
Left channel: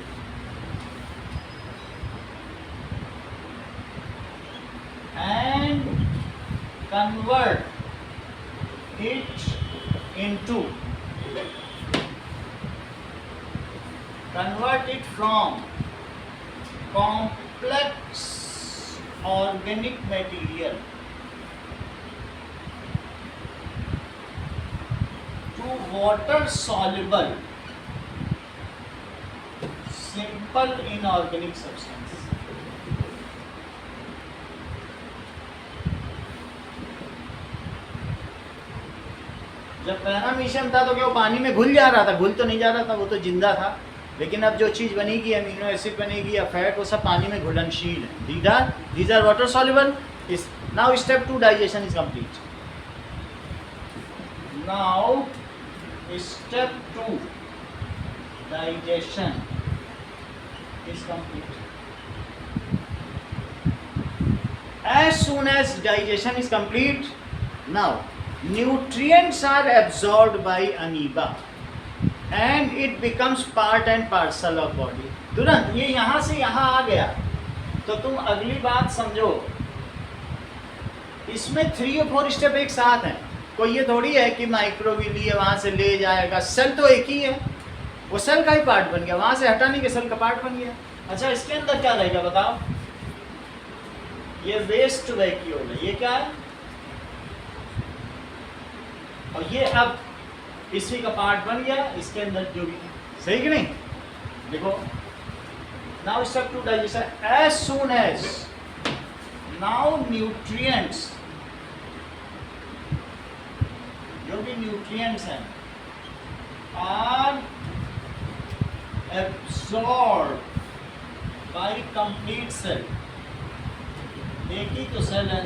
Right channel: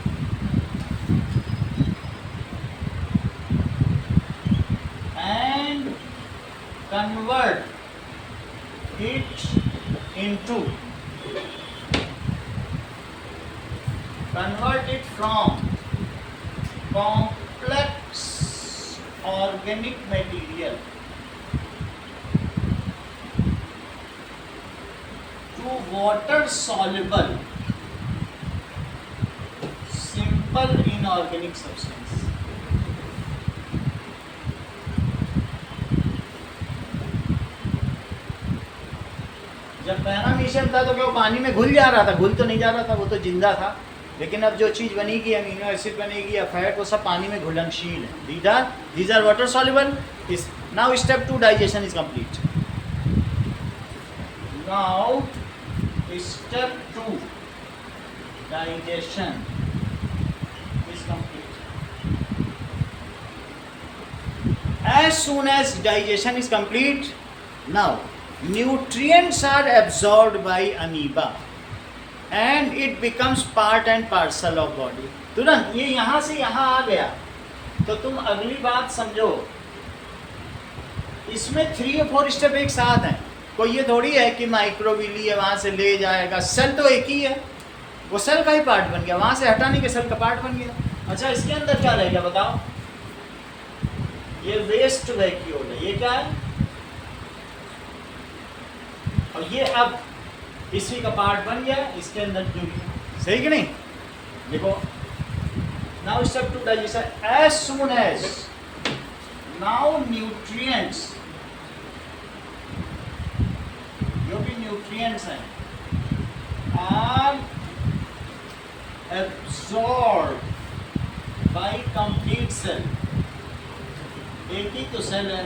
and convert it from complex organic material to water soluble simple inorganic substance। जब paramecium था तो क्या वो पानी में घुल जा रहा था? घुल तो नहीं जा रहा था, वो तो जिंदा था। लेकिन अब जो चीज़ बनेगी, अमीनो एसिड बनेगी या फैट, वो सब पानी में घुलनशील है। These are water soluble. Now step 2 digestion is complete. Now step 2 digestion is complete. As soon as digestion is complete, now nutrients are absorbed by amoeba and it becomes part and parcel of body। तुरंत ये यहाँ से यहाँ आ गया तो तुम अगली बात समझो, इसमें 3 और 4 स्टेप एक साथ हैं। कोई ये थोड़ी है कि माइक्रोविली है वहाँ से ले जाएगा, सेल तो एक ही है, वो सेल का ही पार्ट बन गया, वहाँ से हटाने के सेल का पार्ट बन गया। अच्छा, इसके अंदर क्या रहेगा बताओ? ये वेस्ट वैक्यूल है, ये क्या है? और ये अब इसी का पार्ट बन गया, इसके अंदर जो, सही कि नहीं? देखो, now step 2 digestion. As soon as now nutrients, जो भी न्यूट्रिएंट्स हैं, are absorb by complete cell, एक ही तो सेल है,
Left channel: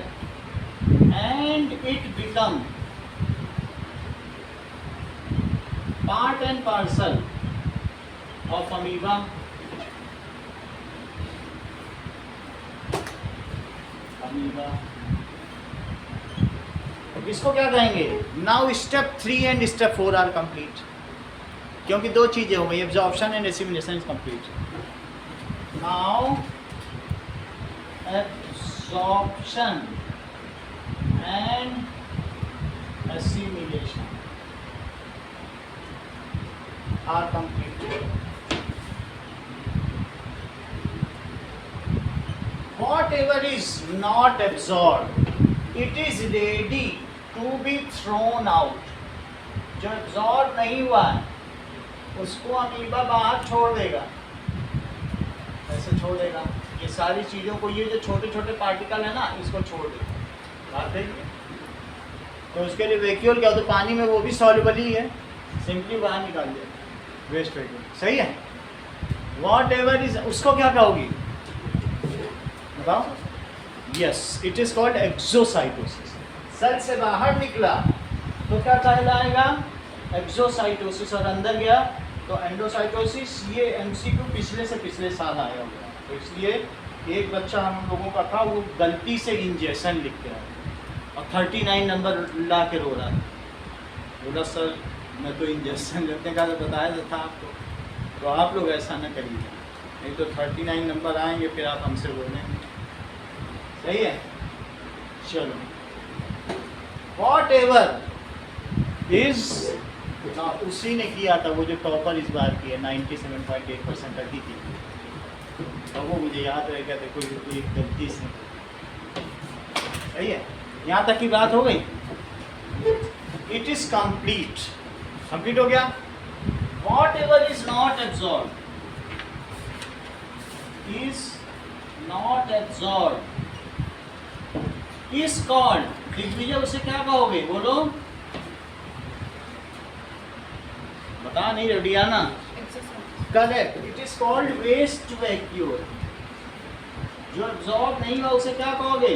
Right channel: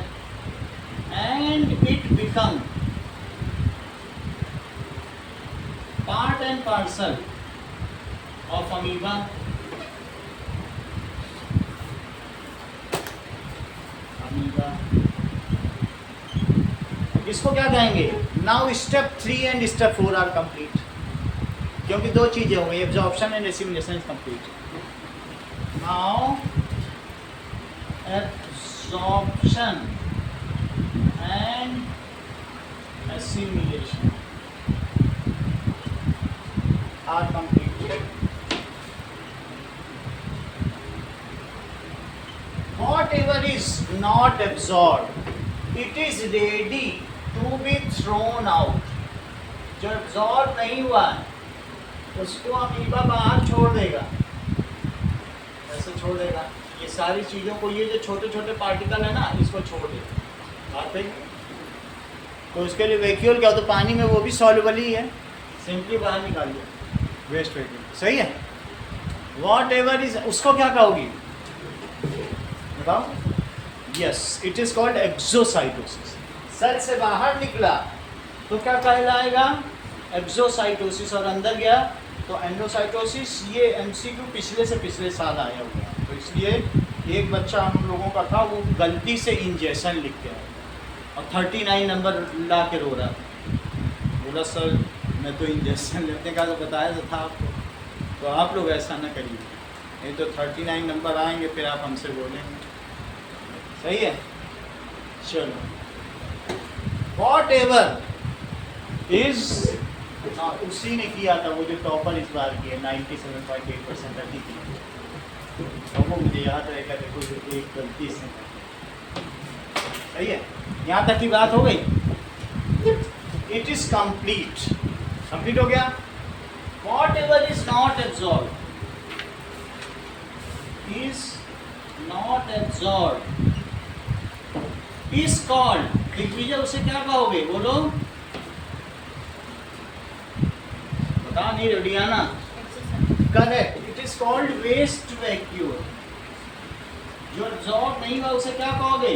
and it become part and parcel of amoeba. इसको क्या कहेंगे? Now step 3 and step 4 are complete, क्योंकि 2 चीजें हो गई, absorption and assimilation is complete. Now absorption and assimilation are completed। Whatever is not absorbed, it is ready to be thrown out। जो absorb नहीं हुआ है उसको अमीबा बाहर छोड़ देगा, ऐसे छोड़ देगा। ये सारी चीज़ों को, ये जो छोटे छोटे पार्टिकल है ना, इसको छोड़ देगा। बात है, तो उसके लिए वैक्यूल क्या होता है? पानी में वो भी सॉल्युबल ही है, सिंपली बाहर निकाल दिया, वेस्ट वैक्यूल। सही है? वॉट एवर इज, उसको क्या कहोगी बताओ? Yes, it is called exocytosis. Cell से बाहर निकला तो क्या कहलाएगा? एक्सोसाइटोसिस। और अंदर गया तो एंडोसाइटोसिस। ये एमसीक्यू पिछले से पिछले साल आया हुआ है, तो इसलिए एक बच्चा हम लोगों का था, वो गलती से इंजेक्शन लिख के आया और 39 नंबर ला के रो रहा था। बोला सर मैं तो इंजेक्शन लेने का तो बताया तो था आपको, तो आप लोग ऐसा न करिए, नहीं तो 39 नंबर आएंगे फिर आप हमसे बोलेंगे। सही है? चलो, वॉट एवर इज, उसी ने किया था, वो जो टॉपर इस बार की है, 97.8% रखी थी, और वो मुझे याद रहेगा। देखो एक गलती से, सही है? यहाँ तक की बात हो गई। इट इज कंप्लीट, कंप्लीट हो गया। Whatever is not absorb, is not absorbed is called, Digvijay उसे क्या कहोगे बोलो, बता नहीं रेडियाना, correct, it is called waste vacuole. जो एब्जॉर्ब नहीं हुआ उसे क्या कहोगे,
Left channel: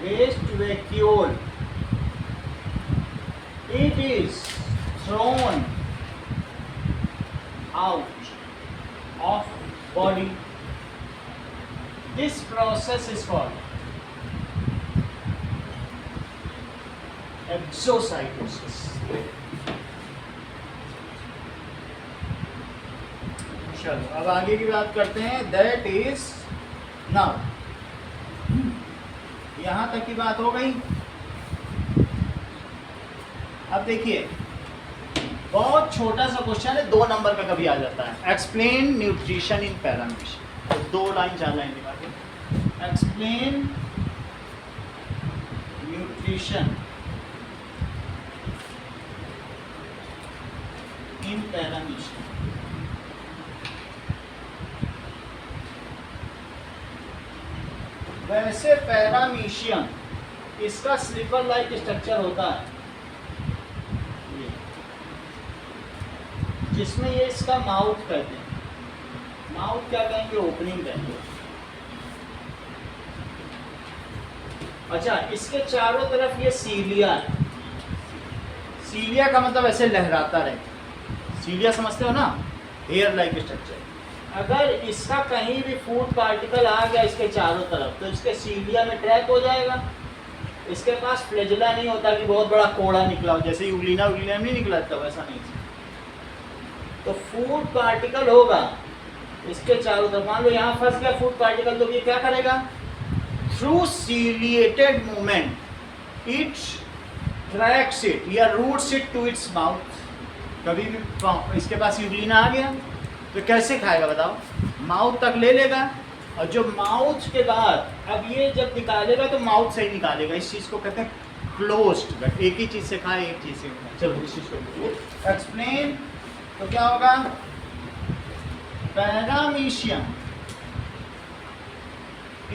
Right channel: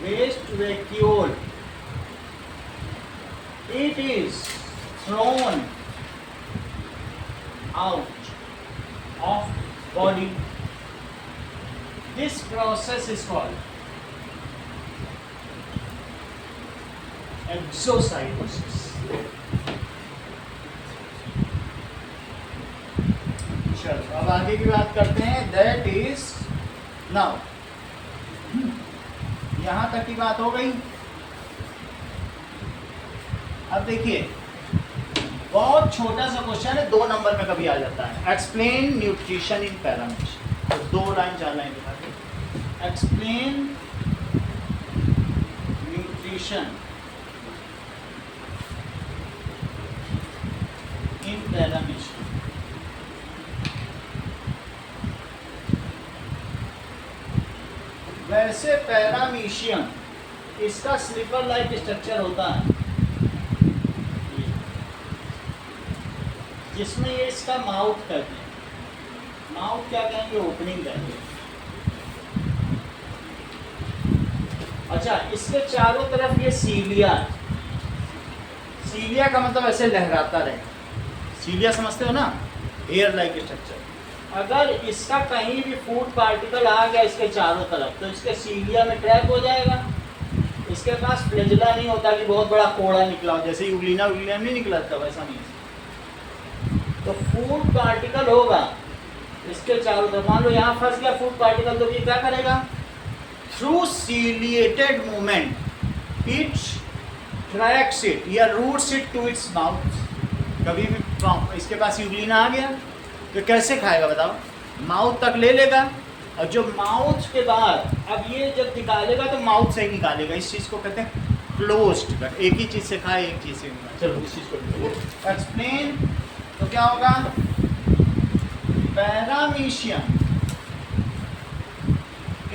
waste vacuole. It is thrown out of body, this process is called exocytosis. चलो अब आगे की बात करते हैं, दैट इज नाउ, यहां तक की बात हो गई। अब देखिए बहुत छोटा सा क्वेश्चन है, 2 नंबर में कभी आ जाता है, explain nutrition in parameter. 2 line 4 line के बाद, एक्सप्लेन न्यूट्रिशन इन पैरामीटर। वैसे पैरामीशियम इसका स्लीपर लाइक स्ट्रक्चर होता है, जिसमें ये इसका माउथ कहते हैं, माउथ क्या कहेंगे, ओपनिंग कहेंगे। अच्छा, इसके चारों तरफ ये सीलिया है, सीलिया का मतलब ऐसे लहराता रहे, सीलिया समझते हो ना, हेयर लाइक स्ट्रक्चर। अगर इसका कहीं भी फूड पार्टिकल आ गया इसके चारों तरफ, तो इसके सीलिया में ट्रैप हो जाएगा। इसके पास फ्लैजिला नहीं होता कि बहुत बड़ा कोड़ा निकला हो, जैसे यूग्लिना नहीं निकला था, वैसा नहीं। तो फूड पार्टिकल होगा इसके चारों तरफ, मान लो यहाँ फंस गया फूड पार्टिकल, तो ये क्या करेगा, through ciliated movement it tracks it या routes it to its mouth. कभी भी इसके पास यूग्लिना आ गया तो कैसे खाएगा बताओ, माउथ तक ले लेगा, और जो माउथ के बाद अब ये जब निकालेगा तो माउथ से ही निकालेगा। इस चीज़ को कहते हैं क्लोज्ड, एक ही चीज़ से खाए एक चीज़ से निकाले। चलो इस चीज़ को एक्सप्लेन, तो क्या होगा, पैरामीशियम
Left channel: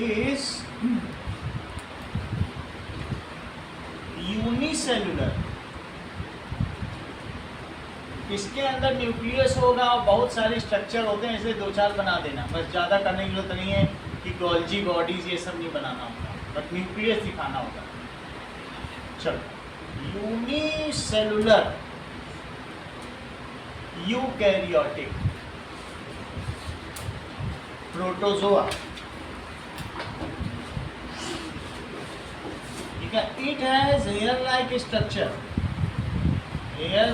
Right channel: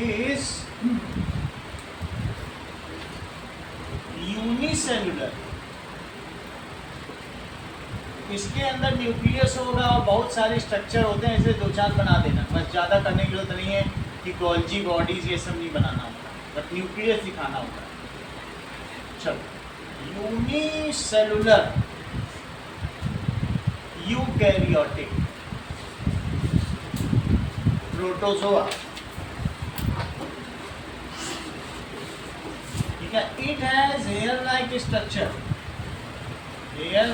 इज यूनिसेलुलर, इसके अंदर न्यूक्लियस होगा और बहुत सारे स्ट्रक्चर होते हैं, इसे 2-4 बना देना बस, ज़्यादा करने की जरूरत नहीं है कि गोल्जी बॉडीज ये सब नहीं बनाना होता, बट न्यूक्लियस दिखाना होता है। चलो, यूनिसेलुलर यूकैरियोटिक प्रोटोजोआ, ठीक है, it has hair like structure, hair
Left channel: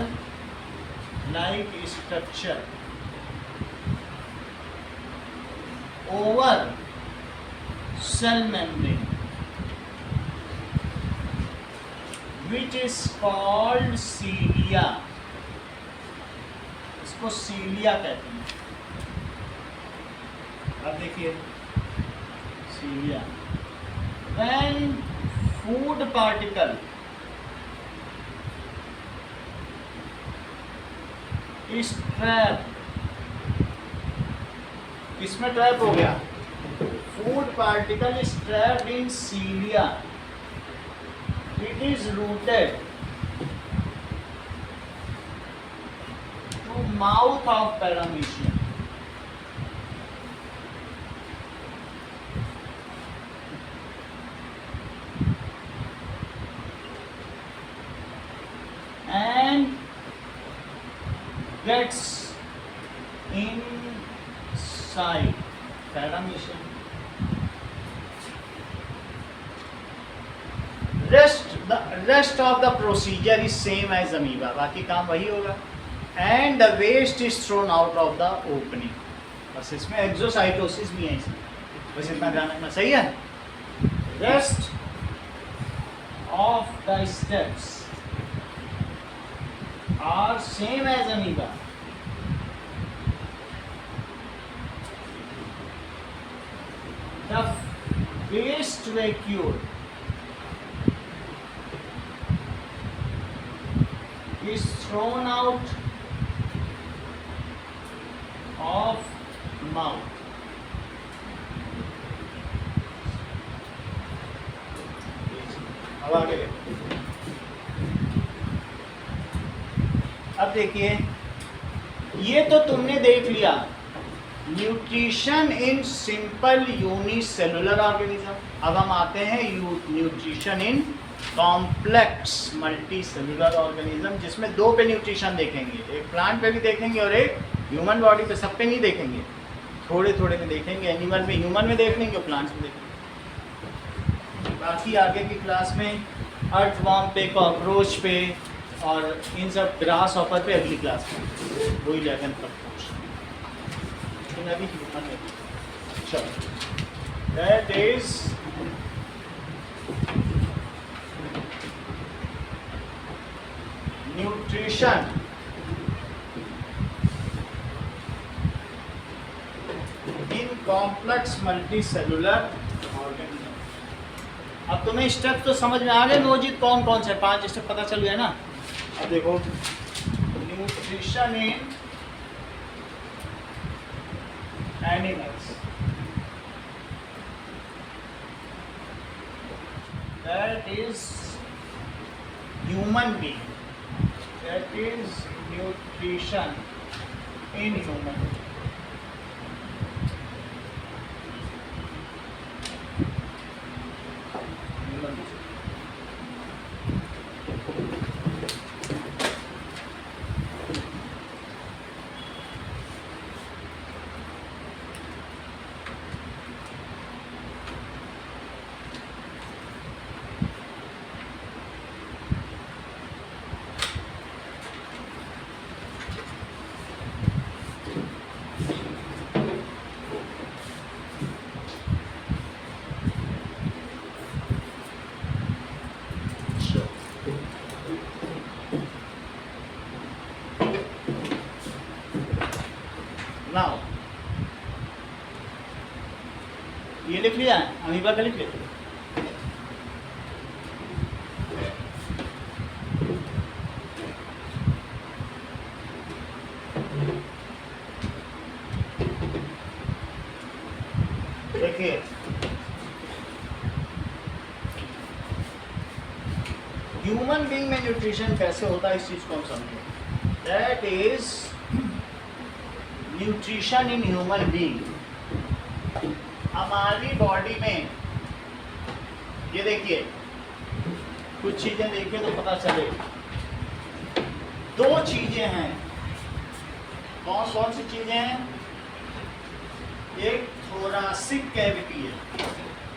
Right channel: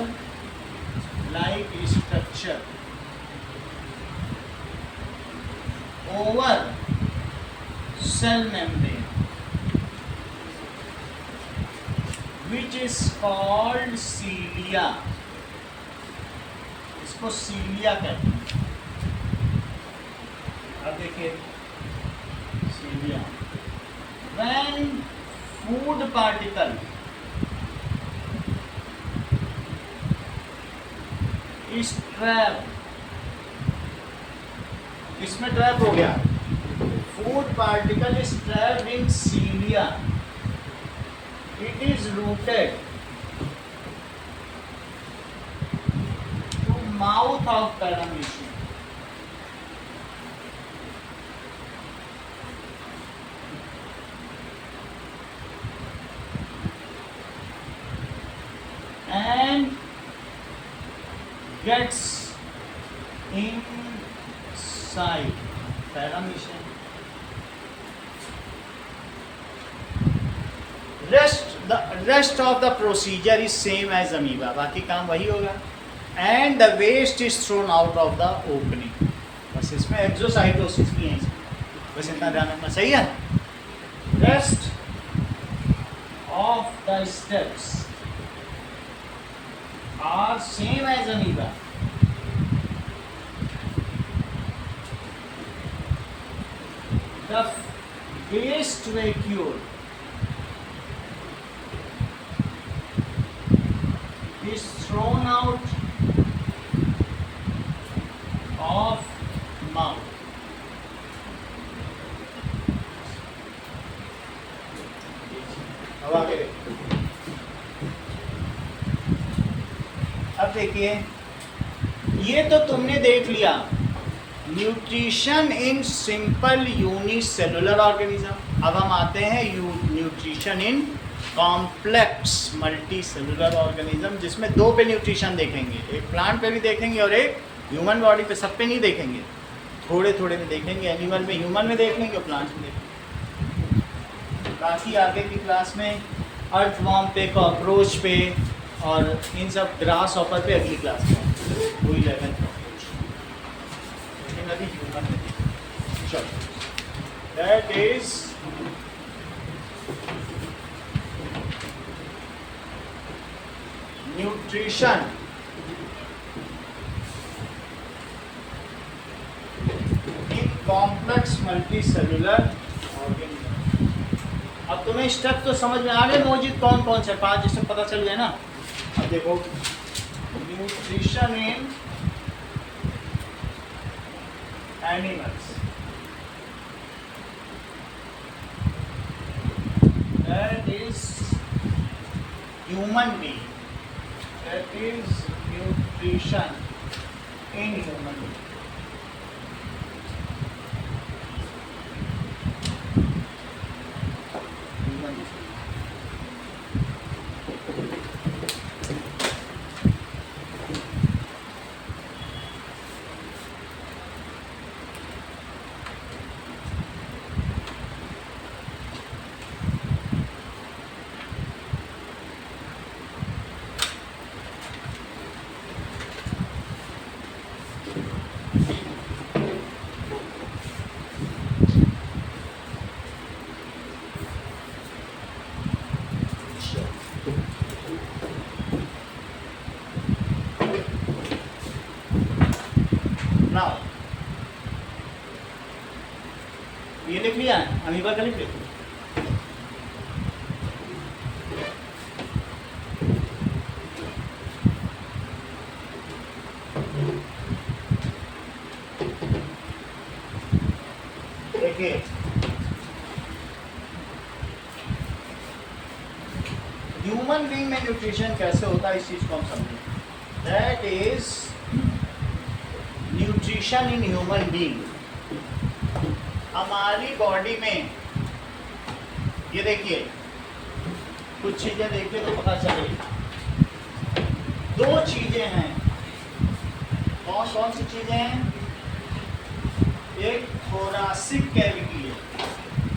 like structure over cell membrane which is called cilia, इसको सीलिया कहते हैं। अब देखिए cilia, when food particle is trap, इसमें ट्रैप हो गया, food particle is trapped in cilia, it is routed to mouth of paramecium. And gets inside paramecium. The rest of the procedure is same as amoeba, बाकी काम वही होगा। And the waste is thrown out of the opening, बस इसमें exocytosis भी है, बस इतना ध्यान रखना, सही है। Rest of the steps are same as amoeba. The waste vacuole is thrown out of mouth. अब आगे देखो। अब देखिए, ये तो तुमने देख लिया nutrition in simple unicellular organism. अब हम आते हैं nutrition in complex multi cellular organism, जिसमें दो पे न्यूट्रिशन देखेंगे, एक प्लांट पे भी देखेंगे और एक ह्यूमन बॉडी पे। सब पे नहीं देखेंगे, थोड़े थोड़े में देखेंगे। एनिमल में, ह्यूमन में देख लेंगे और प्लांट्स में देखेंगे। बाकी आगे की क्लास में अर्थवॉर्म पे, कॉकरोच पे और इन सब ग्रास हॉपर पे अगली क्लास में वही 11 कॉकरोच, लेकिन अभी ह्यूमन में चलो। That is nutrition in complex multi cellular organism. अब तुम्हें स्टेप तो समझ में आ गए मौजूद कौन कौन से 5 स्टेप पता चल गया ना। अब देखो, nutrition in animals, that is human being, that is nutrition in human being. Now ये लिख लिया, अमीबा का लिख लिया। देखिए, ह्यूमन बीइंग में न्यूट्रिशन कैसे होता है, इस चीज को हम समझें। That is nutrition in human being. हमारी बॉडी में ये देखिए, कुछ चीजें देखिए तो पता चले। 2 चीजें हैं। कौन कौन सी चीजें हैं? एक थोरासिक कैविटी है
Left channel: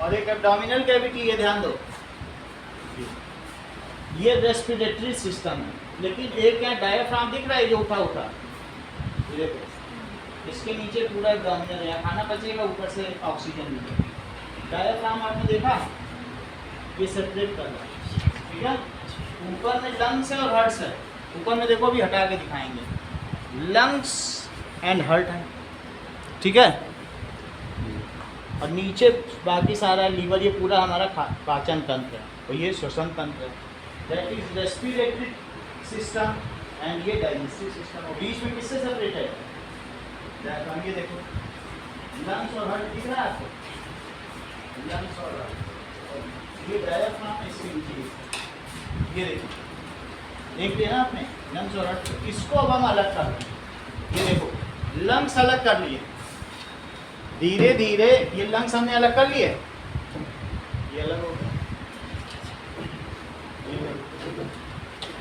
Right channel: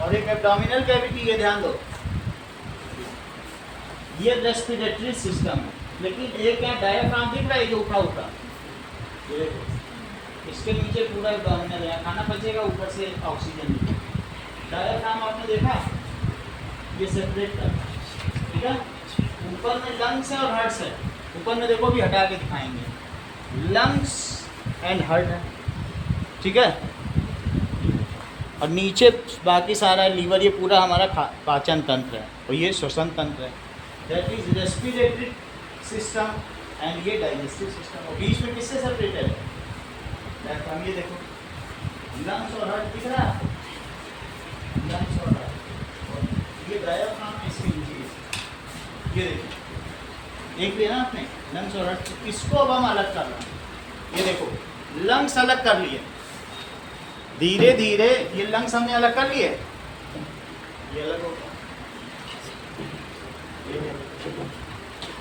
और एक एब्डोमिनल कैविटी है। ध्यान दो, ये रेस्पिरेटरी सिस्टम है। लेकिन एक क्या डायफ्राम दिख रहा है जो उठा उठा, ये देखो, इसके नीचे पूरा एब्डोमिनल है, खाना पचेगा, ऊपर से ऑक्सीजन मिलेगा। डायफ्राम आपने देखा, ये सेपरेट कर रहा है, ठीक है। ऊपर में लंग्स है और हार्ट है। ऊपर में देखो, भी हटा के दिखाएंगे, लंग्स एंड हार्ट है, ठीक है। और नीचे बाकी सारा लीवर, ये पूरा हमारा पाचन तंत्र है और ये श्वसन तंत्र है। That is respiratory system and ये डाइजेस्टिव सिस्टम। और बीच में किससे सेपरेटेड है? डायफ्राम। ये देखो, लंग्स और हार्ट दिख रहा है आपको, लंग्स और हार्ट, और ये डायफ्राम इसके नीचे, ये देखो, देख लिया ना आपने, लंग्स और हार्ट। इसको अब हम अलग कर रहे हैं। ये देखो, लंग्स अलग कर लिए, धीरे धीरे ये लंग्स हमने अलग कर लिए, ये अलग हो गया।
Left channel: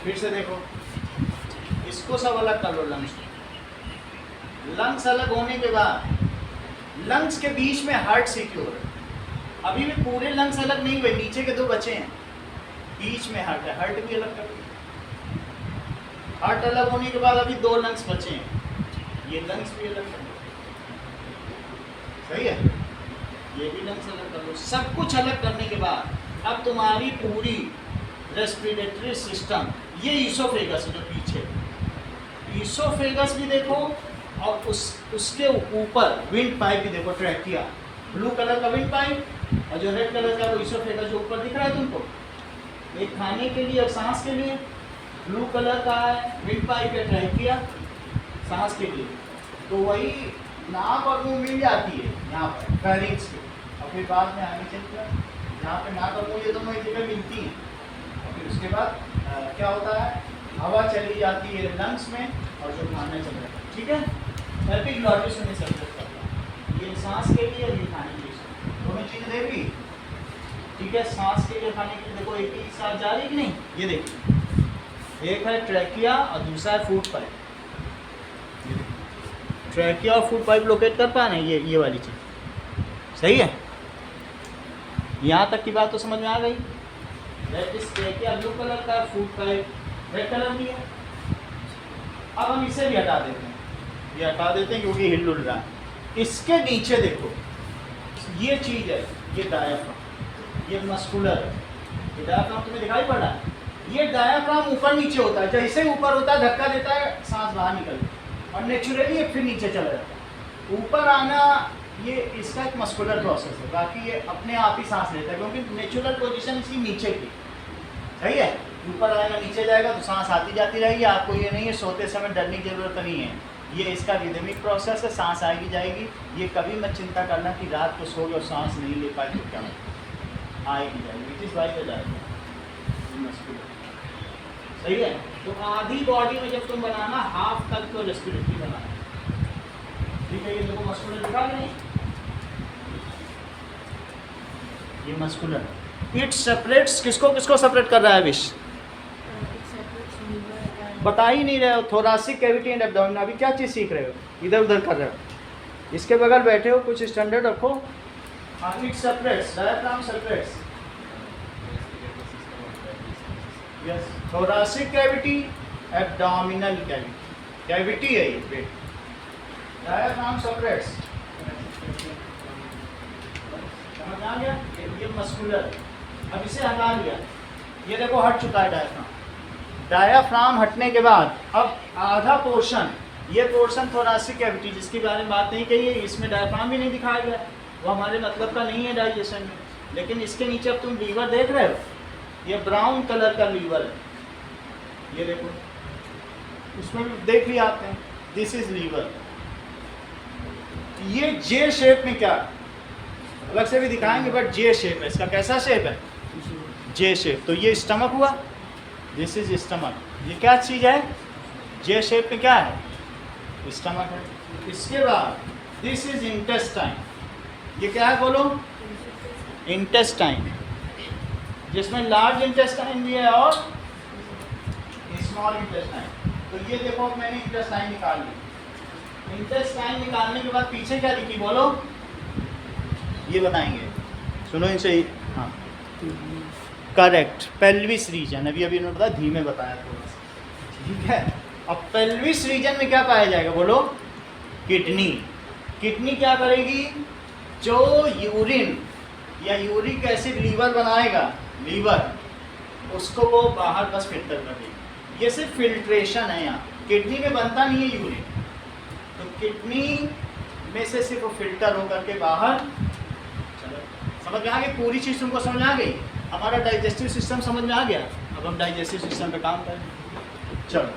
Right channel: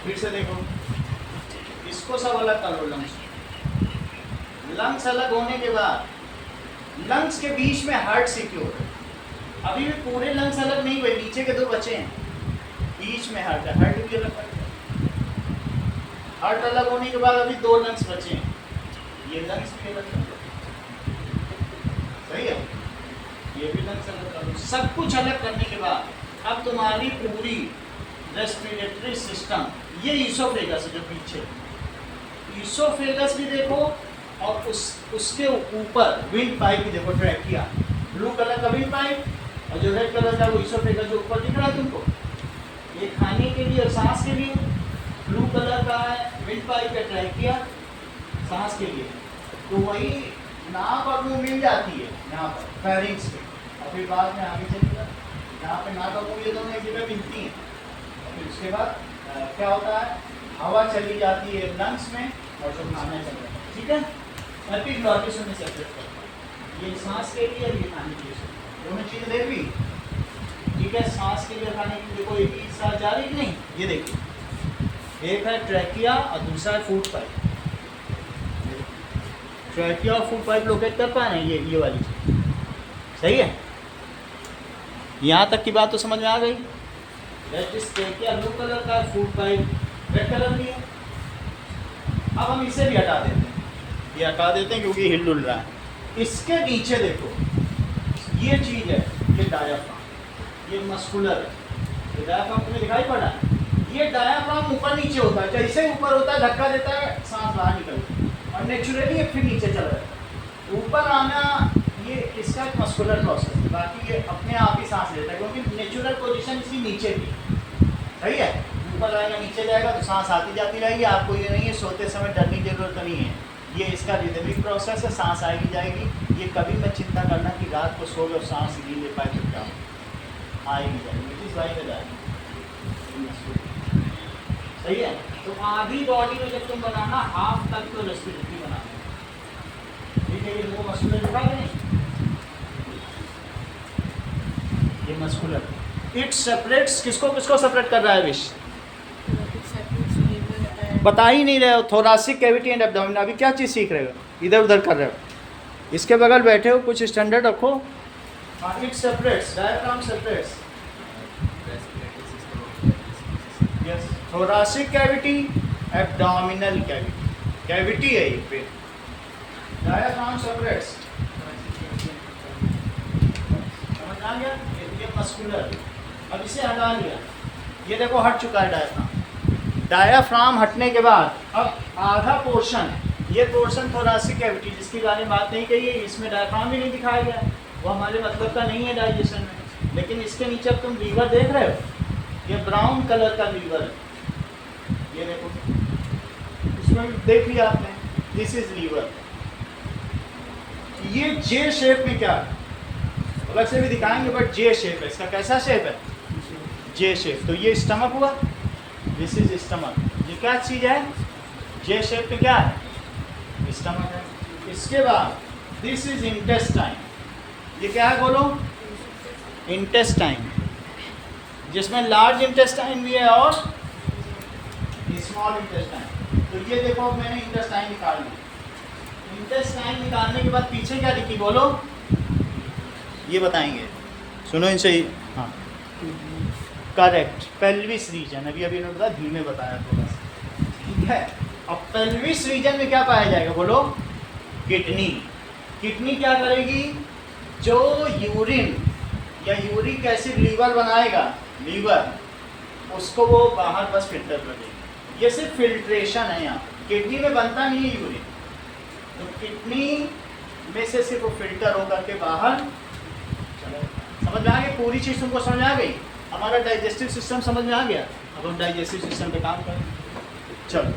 फिर से देखो, इसको सब अलग कर लो, लंग्स। लंग्स अलग होने के बाद लंग्स के बीच में हार्ट सिक्योर है। अभी भी पूरे लंग्स अलग नहीं हुए, नीचे के 2 बचे हैं, बीच में हार्ट है। हार्ट भी अलग कर दिया। हार्ट अलग होने के बाद अभी 2 लंग्स बचे हैं, ये लंग्स भी अलग कर दो, सही है। ये भी लंग्स अलग कर दो। सब कुछ अलग करने के बाद अब तुम्हारी पूरी रेस्पिरेटरी सिस्टम, ये ईसोफेगस है जो पीछे, ईसोफेगस भी देखो, और उसके ऊपर विंड पाइप भी देखो, ट्रैकिया, ब्लू कलर का विंड पाइप, और जो रेड कलर का वो ईसोफेगस जो ऊपर दिख रहा है तुमको, ये खाने के लिए और सांस के लिए। ब्लू कलर का है विंड पाइप या ट्रैकिया, सांस के लिए। तो वही नाक और मुंह मिल जाती है यहाँ पर फेरिंग्स के, और फिर बाद में आगे चलिए यहाँ पे नाक और मुंह ये दोनों एक जगह मिलती हैं। फिर उसके बाद क्या होता है, हवा चली जाती है लंग्स में और जो खाना चल रहा है, ठीक है। एपिग्लॉटिस में सेपरेट करता है, ये सांस के लिए और ये खाने के लिए, दोनों चीज़ें देख ली, ठीक है। सांस के लिए खाने के लिए देखो एक ही साथ जा रही कि नहीं, ये देखिए, एक है ट्रैकिया और दूसरा है फूड पाइप। ट्रैकिया और फूड पाइप लोकेट कर पा रहे हैं, ये वाली चीज़, सही है। यहाँ तक की बात तो समझ में आ गई। That is trachea blue colour का, फूड पाइप रेड कलर की है। अब हम इसे भी हटा देते हैं, ये हटा देते हैं क्योंकि हिल डुल रहा है। इसके नीचे देखो ये चीज़ है, ये डायाफ्राम, ये मस्कुलर है, ये डायाफ्राम तुम्हें दिखाई पड़ रहा है। ये डायाफ्राम ऊपर नीचे होता है, जैसे ऊपर होता है धक्का देता है, सांस बाहर निकलती है और नेचुरली ये फिर नीचे चला जाता है। ऊपर आना ये इसका एक मस्कुलर प्रोसेस है, बाकी ये अपने आप ही सांस लेता है क्योंकि नेचुरल पोजीशन इसकी नीचे की, सही है। ऊपर आएगा नीचे जाएगा तो सांस आती जाती रहेगी, आपको ये नहीं है सोते समय डरने की जरूरत नहीं है, ये इसका रिदमिक प्रोसेस है, सांस आएगी जाएगी। ये कभी मत चिंता करना कि रात को सो गए और सांस नहीं ले पाए तो क्या आएगी जाएगी, विच इज़ वाई द जाएगी, सही है। तो आधी बॉडी में जब तुम बनाना हाफ तक तो रेस्पिरेटरी बनाना, ठीक है। ये लोगों मस्कुलर दिखा दें, ये मस्कुलर, इट सेपरेट्स, किसको किसको सेपरेट कर रहा है विश, बता ही नहीं रहे हो। थोरासिक कैविटी एंड एब्डोमेन, अभी क्या चीज़ सीख रहे हो, इधर उधर कर रहे हो, इसके बगल बैठे हो, कुछ स्टैंडर्ड रखो। It separates, diaphragm separates, yes, thoracic cavity, abdominal cavity, cavity है ये पेट, डायफ्राम सेपरेट्स, समझ आ गया। ये मस्कुलर, अब इसे हटा लिया, ये देखो हट चुका है डायफ्राम। डायाफ्राम हटने के बाद अब आधा पोर्शन, ये पोर्शन थोरासिक कैविटी जिसके बारे में बात नहीं कही है, इसमें डायफ्राम भी नहीं दिखाया गया, वो हमारे मतलब का नहीं है डाइजेशन में। लेकिन इसके नीचे अब तुम लीवर देख रहे हो, ये ब्राउन कलर का लीवर है, ये देखो, इसमें देख लिया आपने, दिस इज लीवर। ये जे शेप में क्या है, अलग से भी दिखाएंगे, बट जे शेप है इसका। कैसा शेप है, जे शेप। तो ये स्टमक हुआ, दिस इज स्टमक, ये क्या चीज़ है, जे शेप पे क्या है, स्टमक है। इसके बाद दिस इज इंटेस्टाइन, ये क्या है बोलो, इंटेस्टाइन, जिसमें लार्ज इंटेस्टाइन भी है और स्मॉल इंटेस्टाइन। तो ये देखो मैंने इंटेस्टाइन निकाल ली, इंटेस्टाइन निकालने के बाद पीछे क्या दिखी बोलो, ये बताएंगे, सुनो इनसे। हाँ करेक्ट, पेल्विस रीजन, अभी अभी बताया, धीमे बताया थोड़ा सा, ठीक है। अब पेल्विस रीजन में क्या पाया जाएगा बोलो, किडनी। किडनी क्या करेगी, जो यूरिन या यूरिक एसिड लीवर बनाएगा, लीवर उसको वो बाहर बस फिल्टर कर देगी। ये सिर्फ फिल्ट्रेशन है, यहाँ किडनी में बनता नहीं है यूरिन, तो किडनी में से सिर्फ वो फिल्टर होकर के बाहर चलो। समझ में आ गई पूरी चीज़, तुमको समझ में आ गई, हमारा डाइजेस्टिव सिस्टम समझ में आ गया। अब हम डाइजेस्टिव सिस्टम पे काम करें, चलो।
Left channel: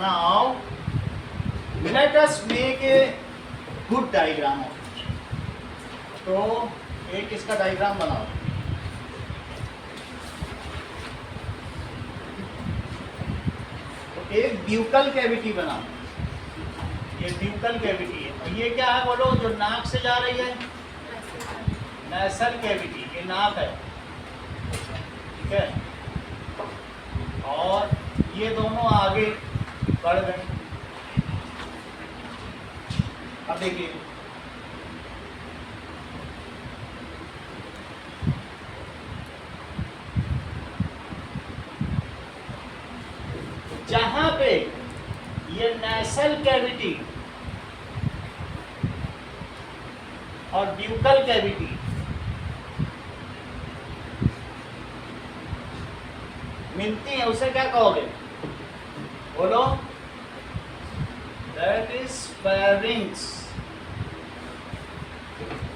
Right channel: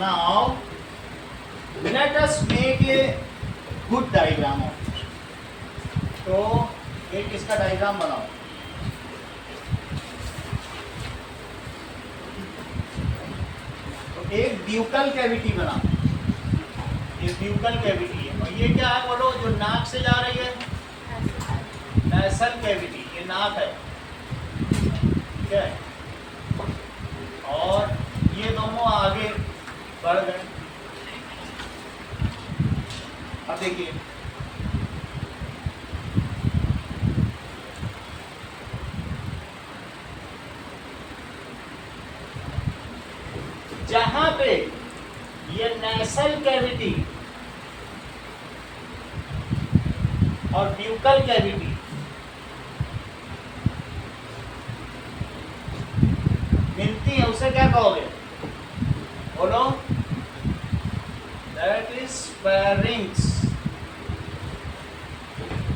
Now let us make a good diagram of it. तो एक इसका डायग्राम बनाओ, तो एक ब्यूकल कैविटी बनाओ, ये ब्यूकल कैविटी है। और ये क्या है बोलो, जो नाक से जा रही है, नेसल कैविटी, ये नाक है, ठीक है। और ये दोनों आगे बढ़ गए। अब देखिए, जहां पे ये नेसल कैविटी और ब्यूकल कैविटी मिलती है, उसे क्या कहोगे बोलो, दैट इज फेरिंक्स।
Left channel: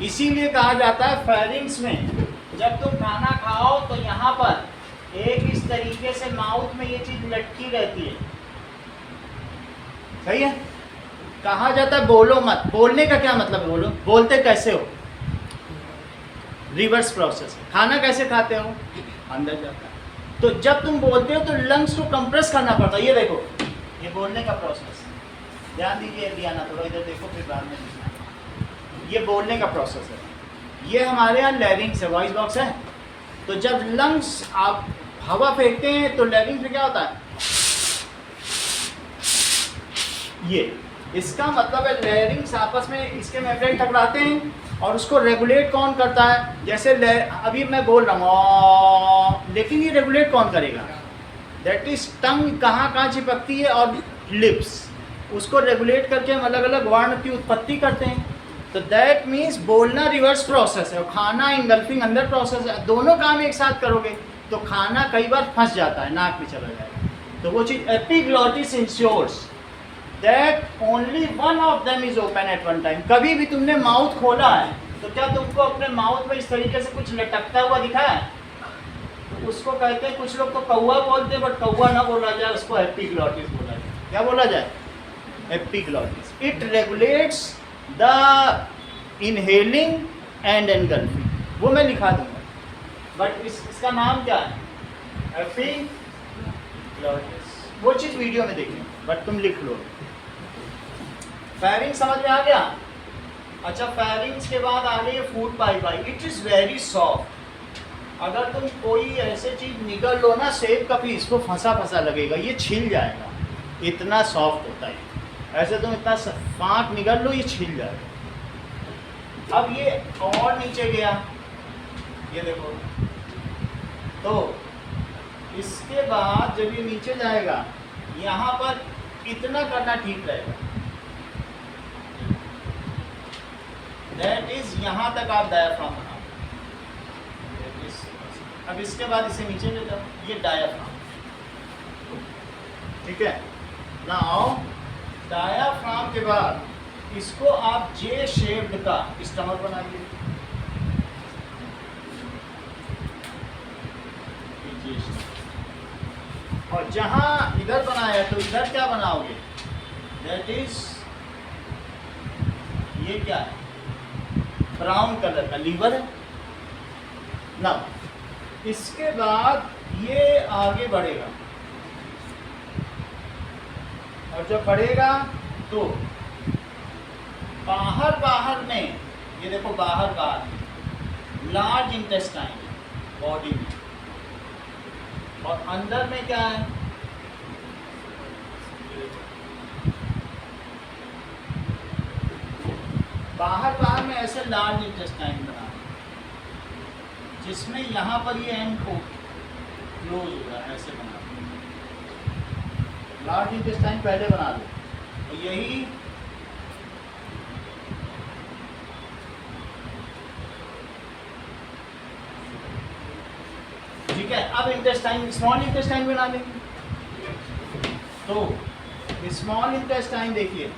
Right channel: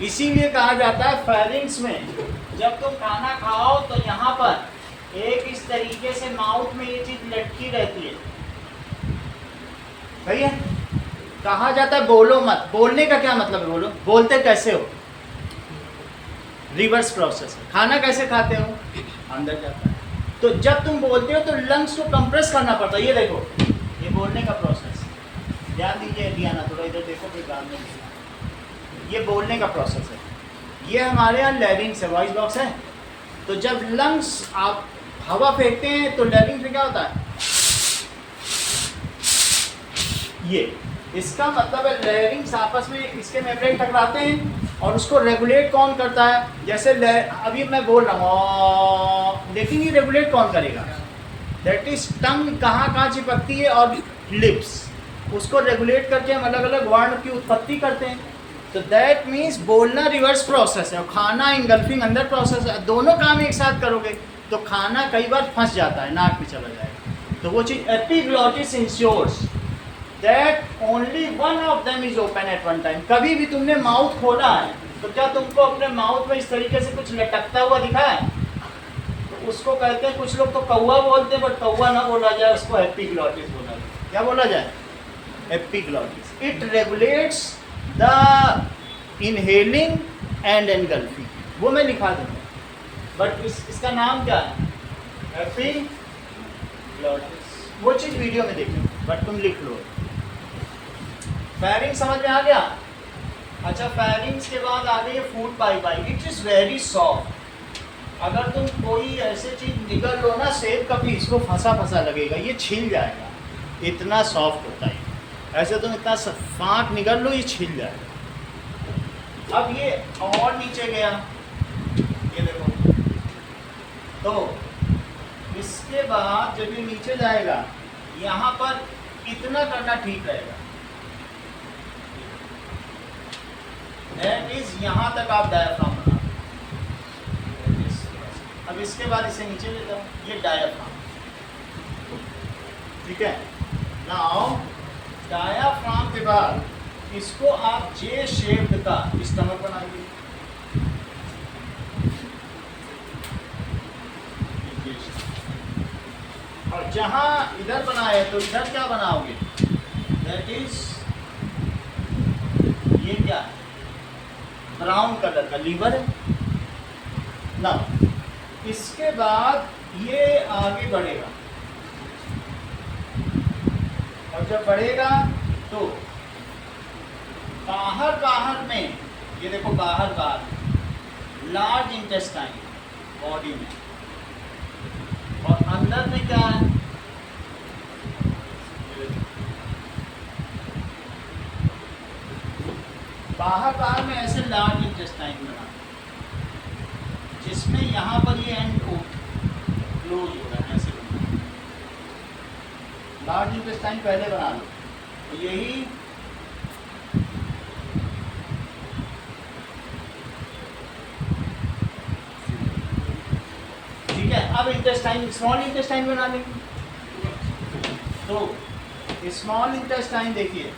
इसीलिए कहा जाता है फेरिंक्स में जब तुम खाना खाओ तो यहाँ पर एक इस तरीके से माउथ में ये चीज लटकी रहती है, सही है। कहा जाता है बोलो मत, बोलने का क्या मतलब है बोलो, बोलते कैसे हो, रिवर्स प्रोसेस है। खाना कैसे खाते हो, अंदर जाता है। तो जब तुम बोलते हो तो लंग्स को कंप्रेस करना पड़ता है। ये देखो, ये बोलने का प्रोसेस, ध्यान दीजिए डियाना, थोड़ा इधर देखो फिर बाद में दिखना। ये बोलने का प्रोसेस है। ये हमारे यहाँ लैरिंग्स है, वॉइस बॉक्स है। तो जब लंग्स आप हवा फेंकते हैं तो लैरिंग्स में क्या होता है, ये इसका मतलब है लैरिंग्स आपस में इसके मेम्ब्रेन टकराते हैं और उसको रेगुलेट कौन करता है। जैसे अभी मैं बोल रहा हूँ, लेकिन ये रेगुलेट कौन करेगा, दैट इज टंग कहाँ कहाँ चिपकती है और लिप्स, उसको रेगुलेट करके हम अलग अलग वर्ण की उत्पत्ति करते हैं। तो दैट मीन्स बोलना रिवर्स प्रोसेस है और खाना इंगल्फिंग अंदर प्रोसेस है। दोनों काम एक साथ करोगे तो खाना कई बार फंस जाता है, नाक में चला जाएगा। तो वो चीज़ epiglottis ensures that only one of them is open at one time. कभी भी तुमने माउथ खोला है तो क्या तुमको अपने माउथ में इस तरीके से कुछ लटकता हुआ दिखा है, तो उसको कहते हैं, कुछ लोग तो कौवा बोलते हैं, बट कौवा ना बोला जाए, उसको एपिग्लॉटिस बोला जाए। क्या बोला जाए, epiglottis. It regulates the inhaling and engulfing, वो मैं लिखा दूंगा, बट इसका नाम क्या है, एपिग्लॉटिस। वो चीज़ वीडियो में देखेंगे, बट तुम लिख लो। फेरिंग्स समझ में आ गया। अच्छा, फेरिंग्स के बाद आ गई food pipe. It is very soft. अगर तुम कोई ऐसे चीज़ निकल लो ना, सेब का पीस, को फंसा फंसा लगेगा, ये छिल जाएगा, इतना सॉफ्ट होता है। ऐसे तुम इतना फाँक निकल लो, ये छिल जाएगा। अब ये और नीचे गया, ये देखो, तो इसके बाद जब ये नीचे जाएगा, यहाँ पर इतना करना ठीक रहेगा, दैट इज यहाँ तक आप डायाफ्राम बना। अब इसके बाद इसे नीचे ले जाओ, ये डायाफ्राम, ठीक है। नाउ डायाफ्राम के बाद इसको आप जे शेप्ड का स्टमक बनाएंगे, और जहां इधर बनाया तो इधर क्या बनाओगे, दैट इज ये क्या है, ब्राउन कलर का लीवर है ना। इसके बाद ये आगे बढ़ेगा, और जब बढ़ेगा तो बाहर बाहर में, ये देखो बाहर बाहर लार्ज इंटेस्टाइन बॉडी में, और अंदर में क्या है, बाहर बाहर में ऐसे लार्ज इंटेस्टाइन बना, जिसमें यहाँ पर ये एंड क्लोज हो रहा है, ऐसे बना। लार्ज इंटेस्टाइन पहले बना लो, और यही ठीक है। अब इंटेस्टाइन, स्मॉल इंटेस्टाइन बना लेंगे। तो स्मॉल इंटेस्टाइन देखिए,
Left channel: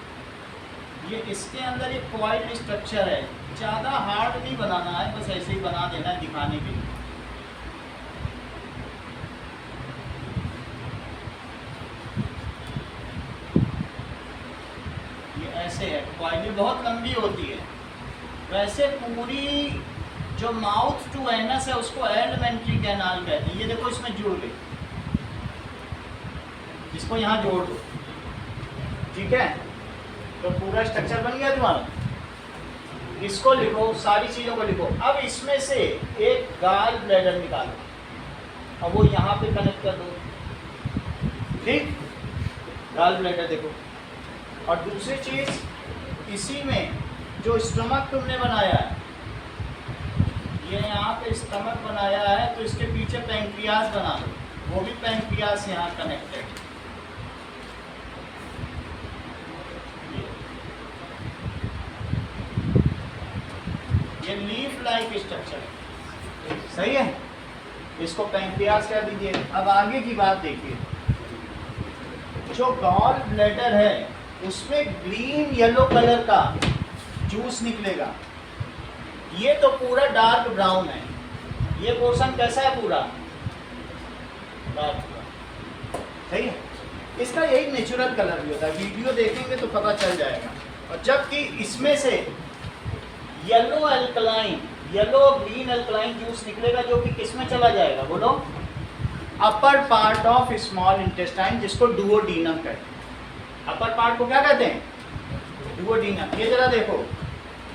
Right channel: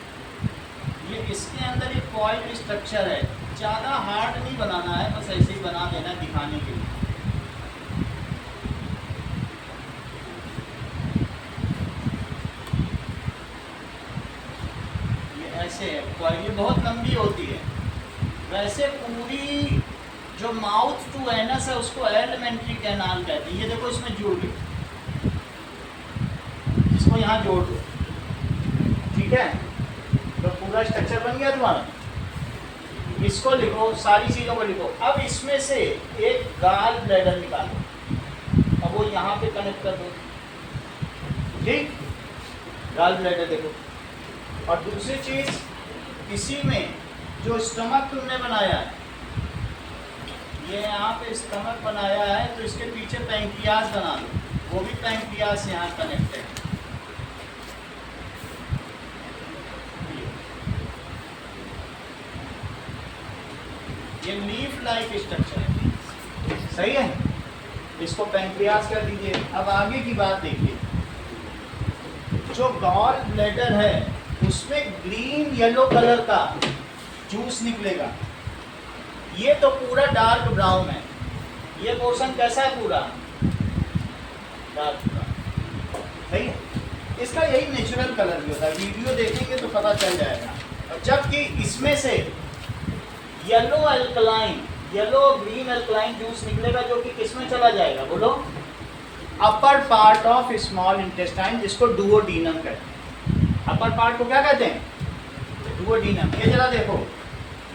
ये इसके अंदर एक कॉइल्ड स्ट्रक्चर है, ज़्यादा हार्ड नहीं बनाना है, बस ऐसे ही बना देना है दिखाने के लिए। ये ऐसे है कॉइल, ये बहुत लंबी होती है। वैसे पूरी जो माउथ टू एनस है उसको एलिमेंट्री कैनाल कहते हैं। ये देखो इसमें जोड़ दो, इसको यहाँ जोड़ दो, ठीक है। तो पूरा स्ट्रक्चर बन गया तुम्हारा। इसको लिखो, सारी चीज़ों को लिखो। अब इसमें से एक गाल ब्लैडर निकालो और वो यहाँ पे कनेक्ट कर दो, ठीक, गाल ब्लैडर देखो। और दूसरी चीज़, इसी में जो स्टमक तुमने बनाया है, ये यहाँ पे स्टमक बनाया है, तो इसके पीछे पैंक्रियाज बना लो, वो भी पैंक्रियाज यहाँ कनेक्टेड। ये लीफ लाइक स्ट्रक्चर है, सही है, इसको पैंक्रियाज कर दीजिए। अब आगे की बात देखिए, जो गॉल ब्लैडर है उसमें ग्रीन येलो कलर का जूस निकलेगा। ये तो पूरा डार्क ब्राउन है, ये पोर्शन कैसा है, पूरा डार्क ब्राउन, सही है। इसका यही नेचुरल कलर भी होता है, वीडियो देखेंगे तो पता चल जाएगा। और जबकि इसमें से yellow alkaline yellow green alkaline juice निकलेगा जो कि किस में चला जाएगा बोलो, upper part of small intestine, जिसको डुओडीनम कहते हैं। अपर पार्ट को क्या कहते हैं, डुओडीनम। ये जरा देखो,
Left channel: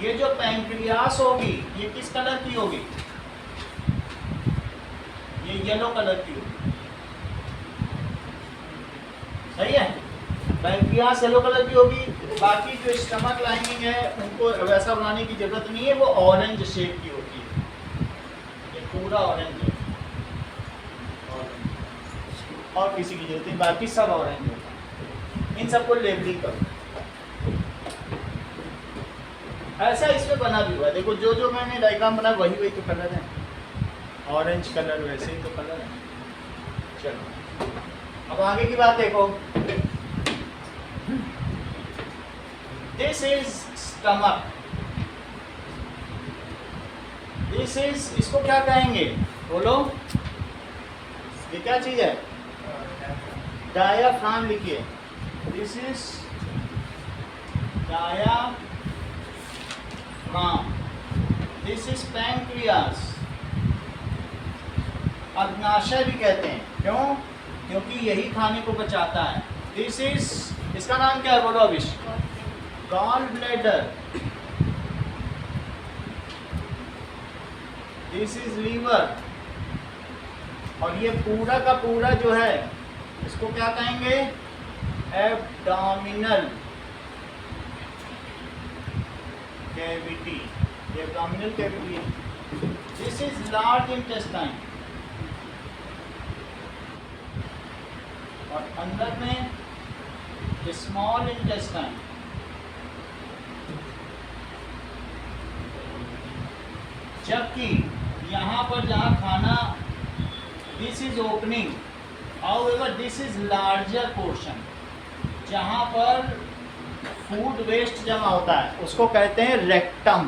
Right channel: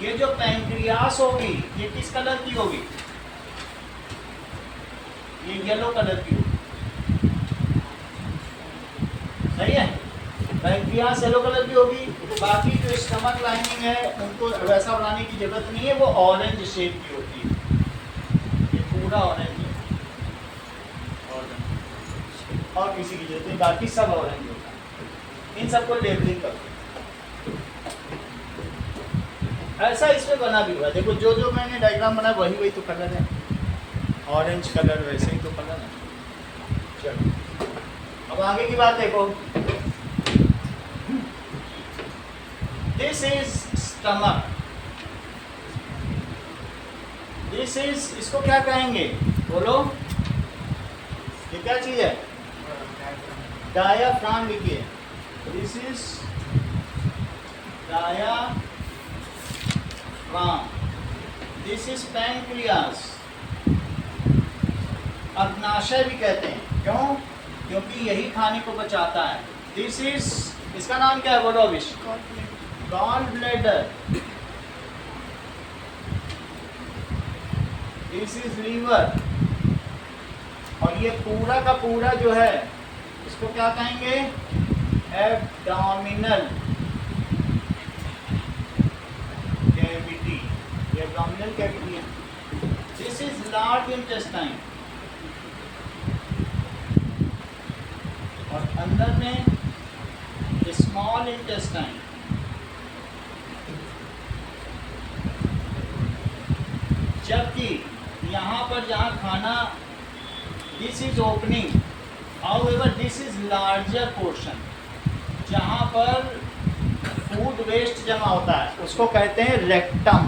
ये जो पैंक्रियास होगी ये किस कलर की होगी, ये येलो कलर की होगी, सही है। पैंक्रियास येलो कलर की होगी, बाकी जो स्टमक लाइनिंग है उनको वैसा बनाने की जरूरत नहीं है, वो ऑरेंज शेप की होती है, ये पूरा ऑरेंज है, ऑरेंज और किसी की जरूरत नहीं, बाकी सब ऑरेंज होता है। इन सबको लेबलिंग करो। ऐसा इसमें बना भी हुआ है, देखो जो जो मैंने डायग्राम बनाया वही वही तो कलर है, ऑरेंज कलर वैसे ही तो कलर है। चलो अब आगे की बात देखो, this is stomach, this is, इसको क्या कहेंगे बोलो, ये क्या चीज है, डायाफ्राम लिखिए, this is diaphragm, this is pancreas, अग्नाशय भी कहते हैं, क्यों, क्योंकि यही खाने को बचाता है। दिस इज, इसका नाम क्या है बोलो Abhish, gall bladder, this is liver, और ये पूरा का पूरा जो है इसको क्या कहेंगे, एब्डोमिनल कैविटी, ये एब्डोमिनल कैविटी है। दिस इज लार्ज इंटेस्टाइन, और अंदर में स्मॉल इंटेस्टाइन, जबकि यहाँ पर जहाँ खाना, this is opening, however this is larger portion, जहाँ पर फूड वेस्ट जमा होता है उसको कहते हैं रेक्टम,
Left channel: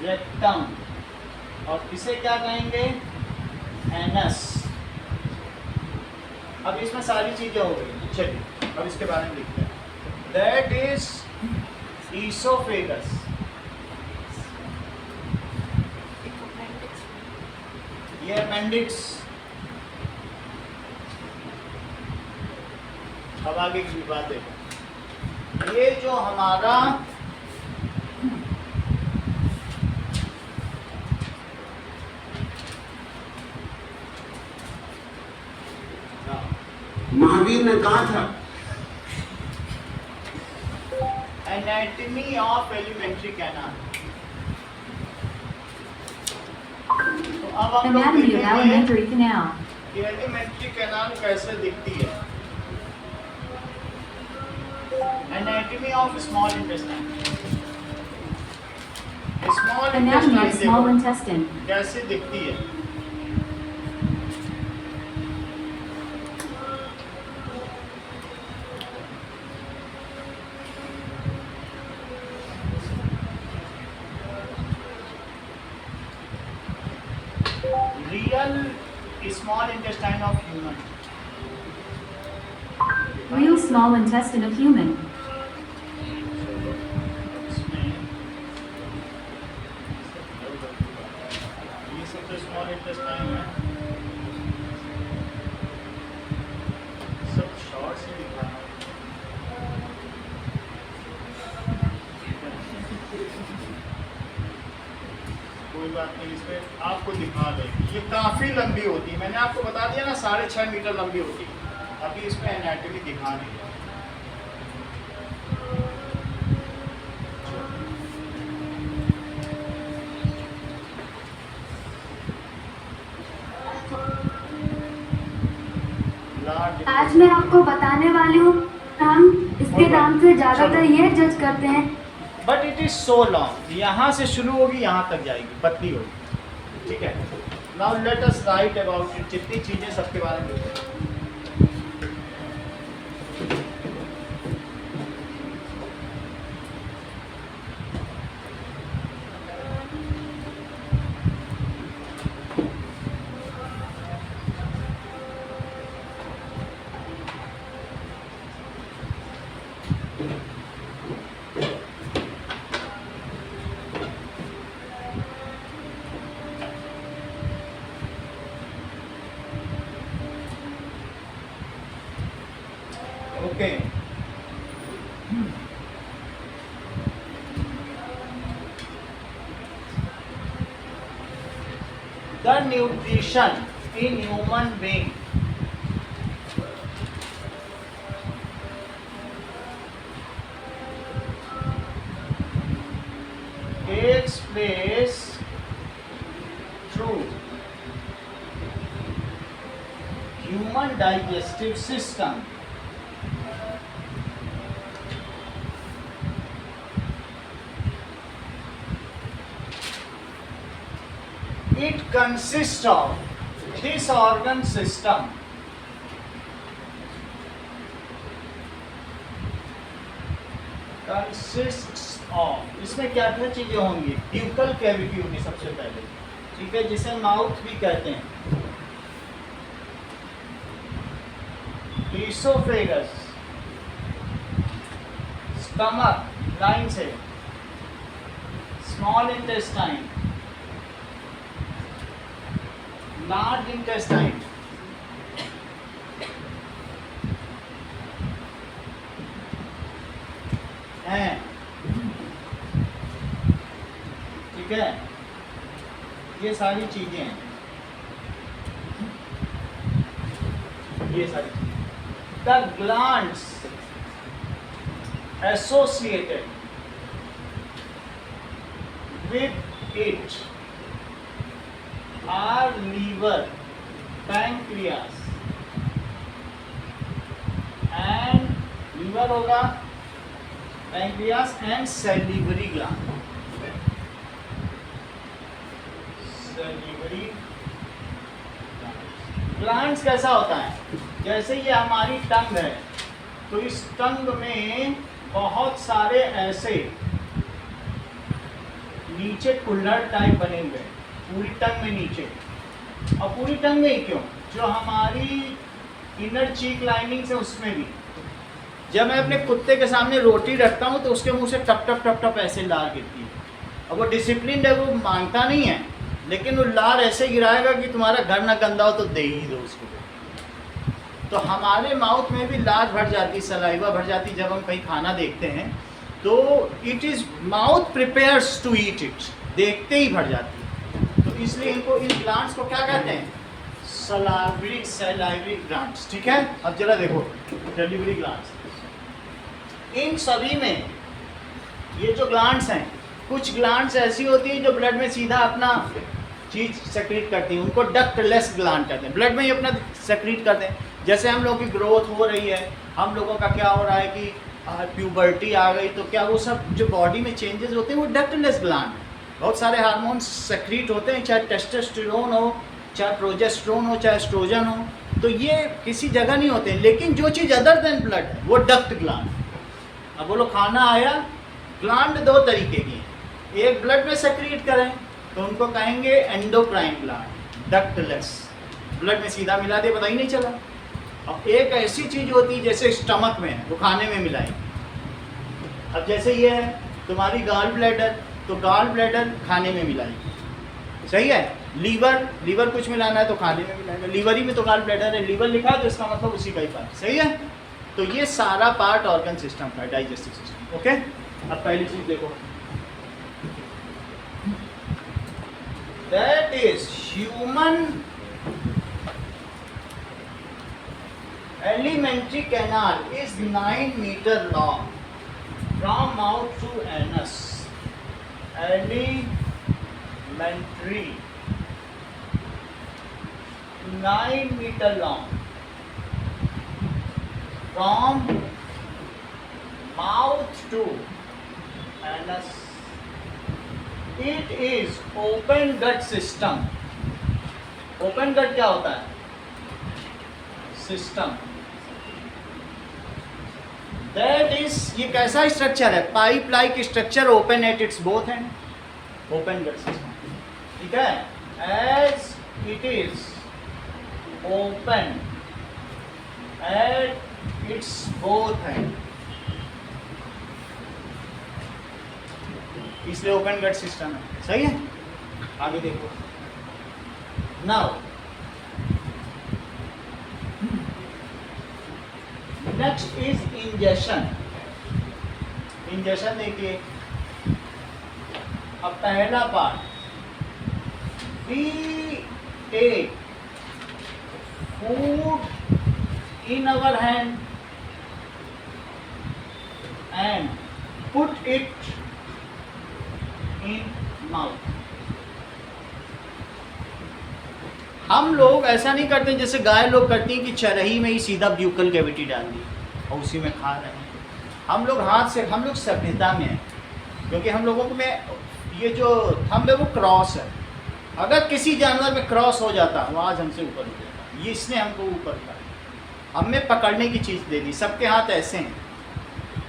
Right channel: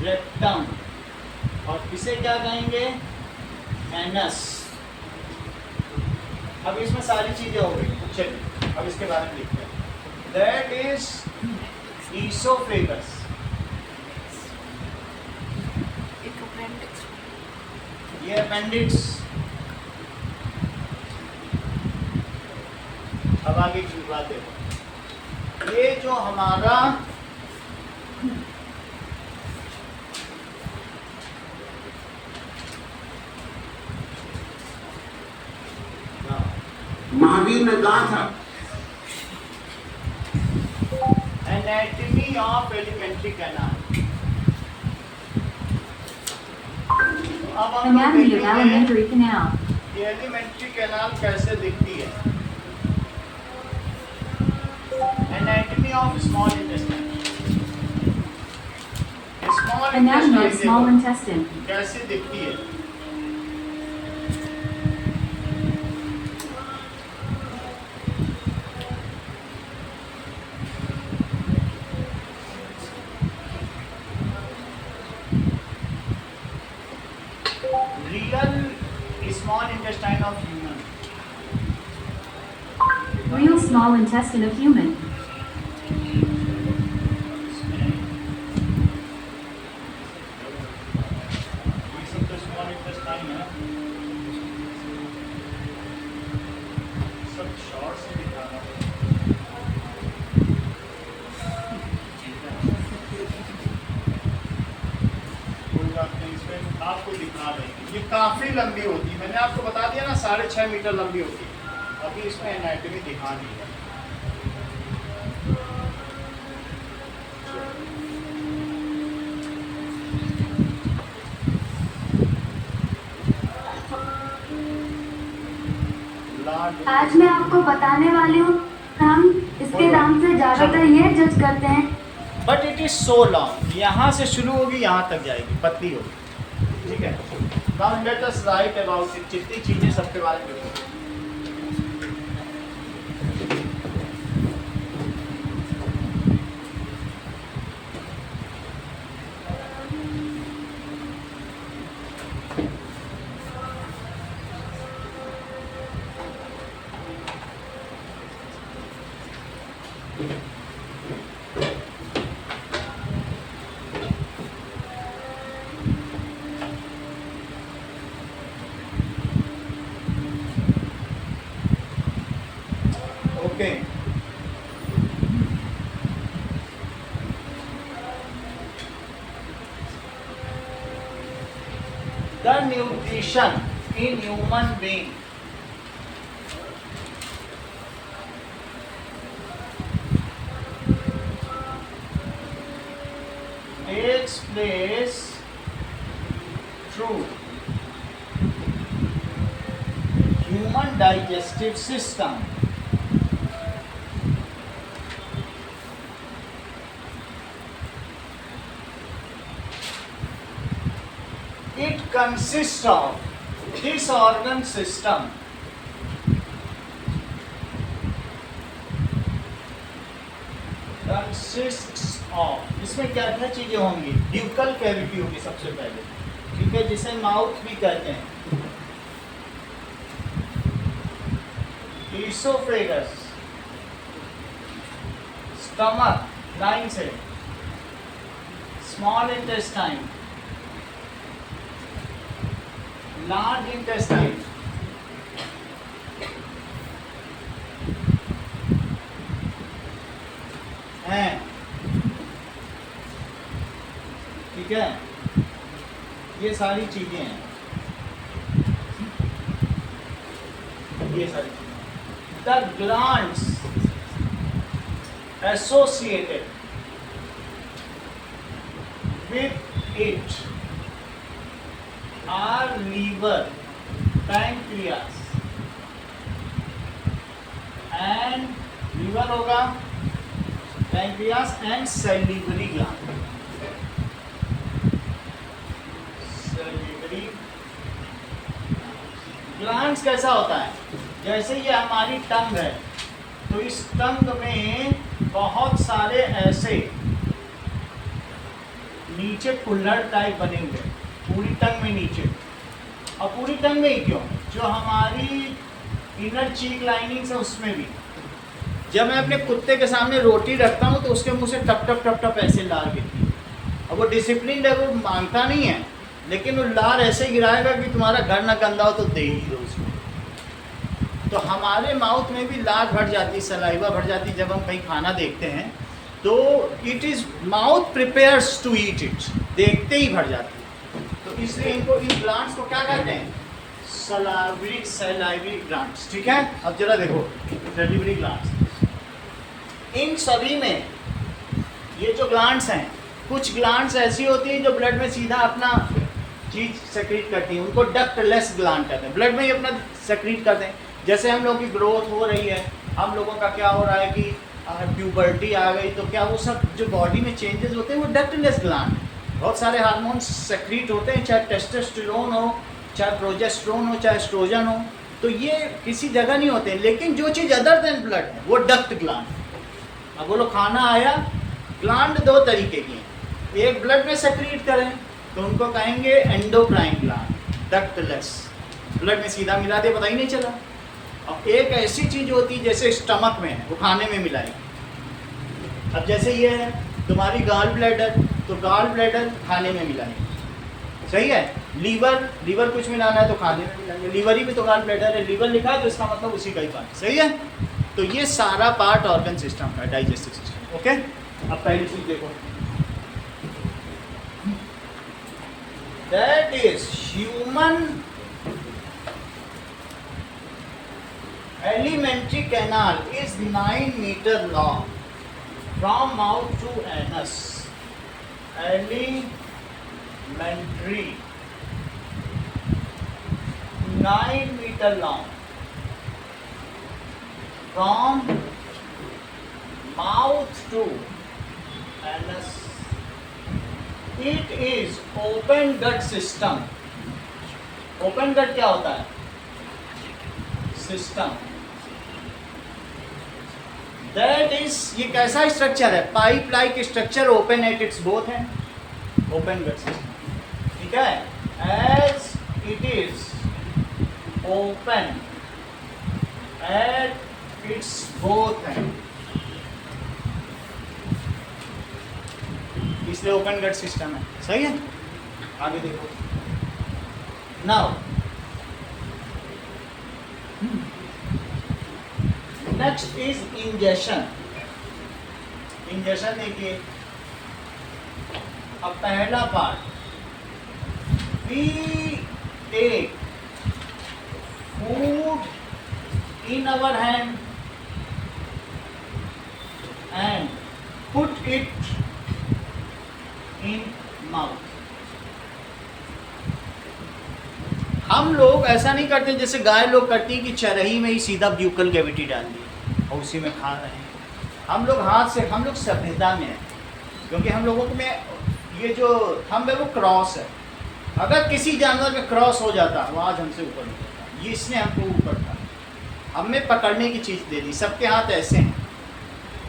रेक्टम, और इसे क्या कहेंगे, एनस। अब इसमें सारी चीजें हो गई, चलिए अब इसके बारे में लिखते हैं। दैट इज ईसोफेगस, ये अपेंडिक्स। अब आगे की बात देखो, ये जो हमारा महावीर ने कहा था, एनाटॉमी ऑफ एलिमेंट्री कैनाल। अब हम Anatomy of देखेंगे alimentary canal. कि एलिमेंट्री कैनाल कैसे दिखती है। Anatomy of small intestine, small Anatomy of small intestine intestine. कैसे दिखती है। Real small intestine of human, Real small intestine of human. ये सब तो small intestine है, सब short से दिखा रहा है। कोई बात नहीं, इसमें आपको दिखा देंगे। ये काफ़ी लंबी होती है, मैंने आपको बता दिया ना 6.5 मीटर लंबी होती है। अभी इसमें एनाटॉमी दिखा दी है। आज मैं आपको बताने वाली हूँ, हम इसके दाम से ज्यादातर ये जज करते हैं। But it is so long, यहाँ से शुरू होगी यहाँ तक जाएगी, पतली होगी, ठीक है। Now let us right about it, जितनी चीजें सबके बारे में लिखते हैं। The nutrition in human being takes place through human digestive system. It consists of this organ system consists of, इसमें क्या क्या चीजें होंगी? ब्यूकल कैविटी होगी सबसे पहले, ठीक है, जिसे माउथ भी कहते हैं। ईसोफेगस, स्टमक लाइन से, स्मॉल इंटेस्टाइन, लार्ज इंटेस्टाइन, हैं, ठीक है, ये सारी चीजें हैं, ये सारी चीजें। The glands associated with it are liver, pancreas and liver होगा, pancreas and salivary gland. Salivary glands कैसा होता है? जैसे ये हमारी टंग है, तो इस टंग में बहुत सारे ऐसे नीचे कुल्हड़ टाइप बने हुए हैं, पूरी टंग में नीचे। और पूरी टंग में ही क्यों? जो हमारी इनर चीक लाइनिंग है उसमें भी। जब मैं अपने कुत्ते के सामने रोटी रखता हूँ तो उसके मुंह से टप टप टप टप ऐसे लार गिरती है। अब वो डिसिप्लिन है, वो मांगता नहीं है, लेकिन वो लार ऐसे गिराएगा कि तुम्हारा घर ना गंदा हो तो दे ही दो उसको। तो हमारे माउथ में भी लार भर जाती, सलाइवा भर जाती जब हम कहीं खाना देखते हैं, तो it is mouth prepares to eat it, देखते ही भर जाती है। तो इसलिए इनको, इन ग्लैंड्स को क्या कहते हैं? सलाइवरी ग्लैंड्स, ठीक है। अब जरा देखो सैलिवरी ग्लैंड्स, इन सभी में ये जो ग्लैंड्स हैं, कुछ ग्लैंड्स ऐसी होती हैं जो ब्लड में सीधा अपना चीज सेक्रीट करती हैं, उनको डक्टलेस ग्लैंड कहते हैं, ब्लड में ही अपना सेक्रीट करते हैं। जैसे हम लोगों की ग्रोथ हो रही है, हम लोगों का क्या हो रहा है कि प्यूबर्टी आ गई, तो क्या वो सब जो बॉडी में चेंजेस होते हैं वो डक्टलेस ग्लैंड है। बहुत सारे हार्मोन्स सेक्रीट होते हैं, चाहे टेस्टोस्टेरोन हो, चाहे प्रोजेस्टेरोन हो, चाहे एस्ट्रोजन हो, तो ये किसी जगह नहीं होते हैं। लेकिन जो चीज़ अदर देन ब्लड है वो डक्ट ग्लैंड है। अब बोलो खाना आया, ग्लैंड दो तरीके की हैं, एक ब्लड में सेक्रीट करें तो उनको कहेंगे एंडोक्राइन ग्लैंड, डक्टलेस, ब्लड में सीधा मिला दे पता ही नहीं चला। और एक ऐसी चीज़ होती है जैसे स्टमक में है, वो खाने में मिलाई। अब जैसे ये है तुम्हारी गॉल ब्लैडर, तो गॉल ब्लैडर खाने में मिलाई, सही है। लीवर, लीवर कुछ मिलाना है तो खाने में मिलाएंगे, लीवर ही में तो गॉल ब्लैडर है, लीवर लिखा है तो इसका मतलब उसी का ही पार्ट, सही है। तो ये सारा पार्ट ऑर्गन सिस्टम का, डाइजेस्टिव सिस्टम, ओके। अब पहली चीज देखो, that is human alimentary canal is 9 meter long from mouth to anus. Alimentary 9 meter long from mouth to anus. It is open gut system. Open gut क्या होता है? System. That is, ये कैसा structure है? Pipe like structure, open at its both हैं, open gut system, ठीक है। As it is open at its both हैं, इसलिए ओपन गट सिस्टम है, सही है। आगे देखो, now next is ingestion. Ingestion देखिए, अब पहला part, we take food in our hand and put it in mouth. हम लोग ऐसा नहीं करते जैसे गाय लोग करती हैं कि चरही में ही सीधा ब्यूकल कैविटी डाल दी और उसी में खा रहे हैं। हम लोग हाथ से, हम लोग सभ्यता में हैं, क्योंकि हम लोगों में ये जो थंब है वो क्रॉस है। अगर किसी जानवर में क्रॉस हो जाता वो आज हमसे ऊपर हो जाता। ये इसने हमको ऊपर कर, हमें पकड़ने की चीज़ दे दी। सबके हाथ ऐसे हैं,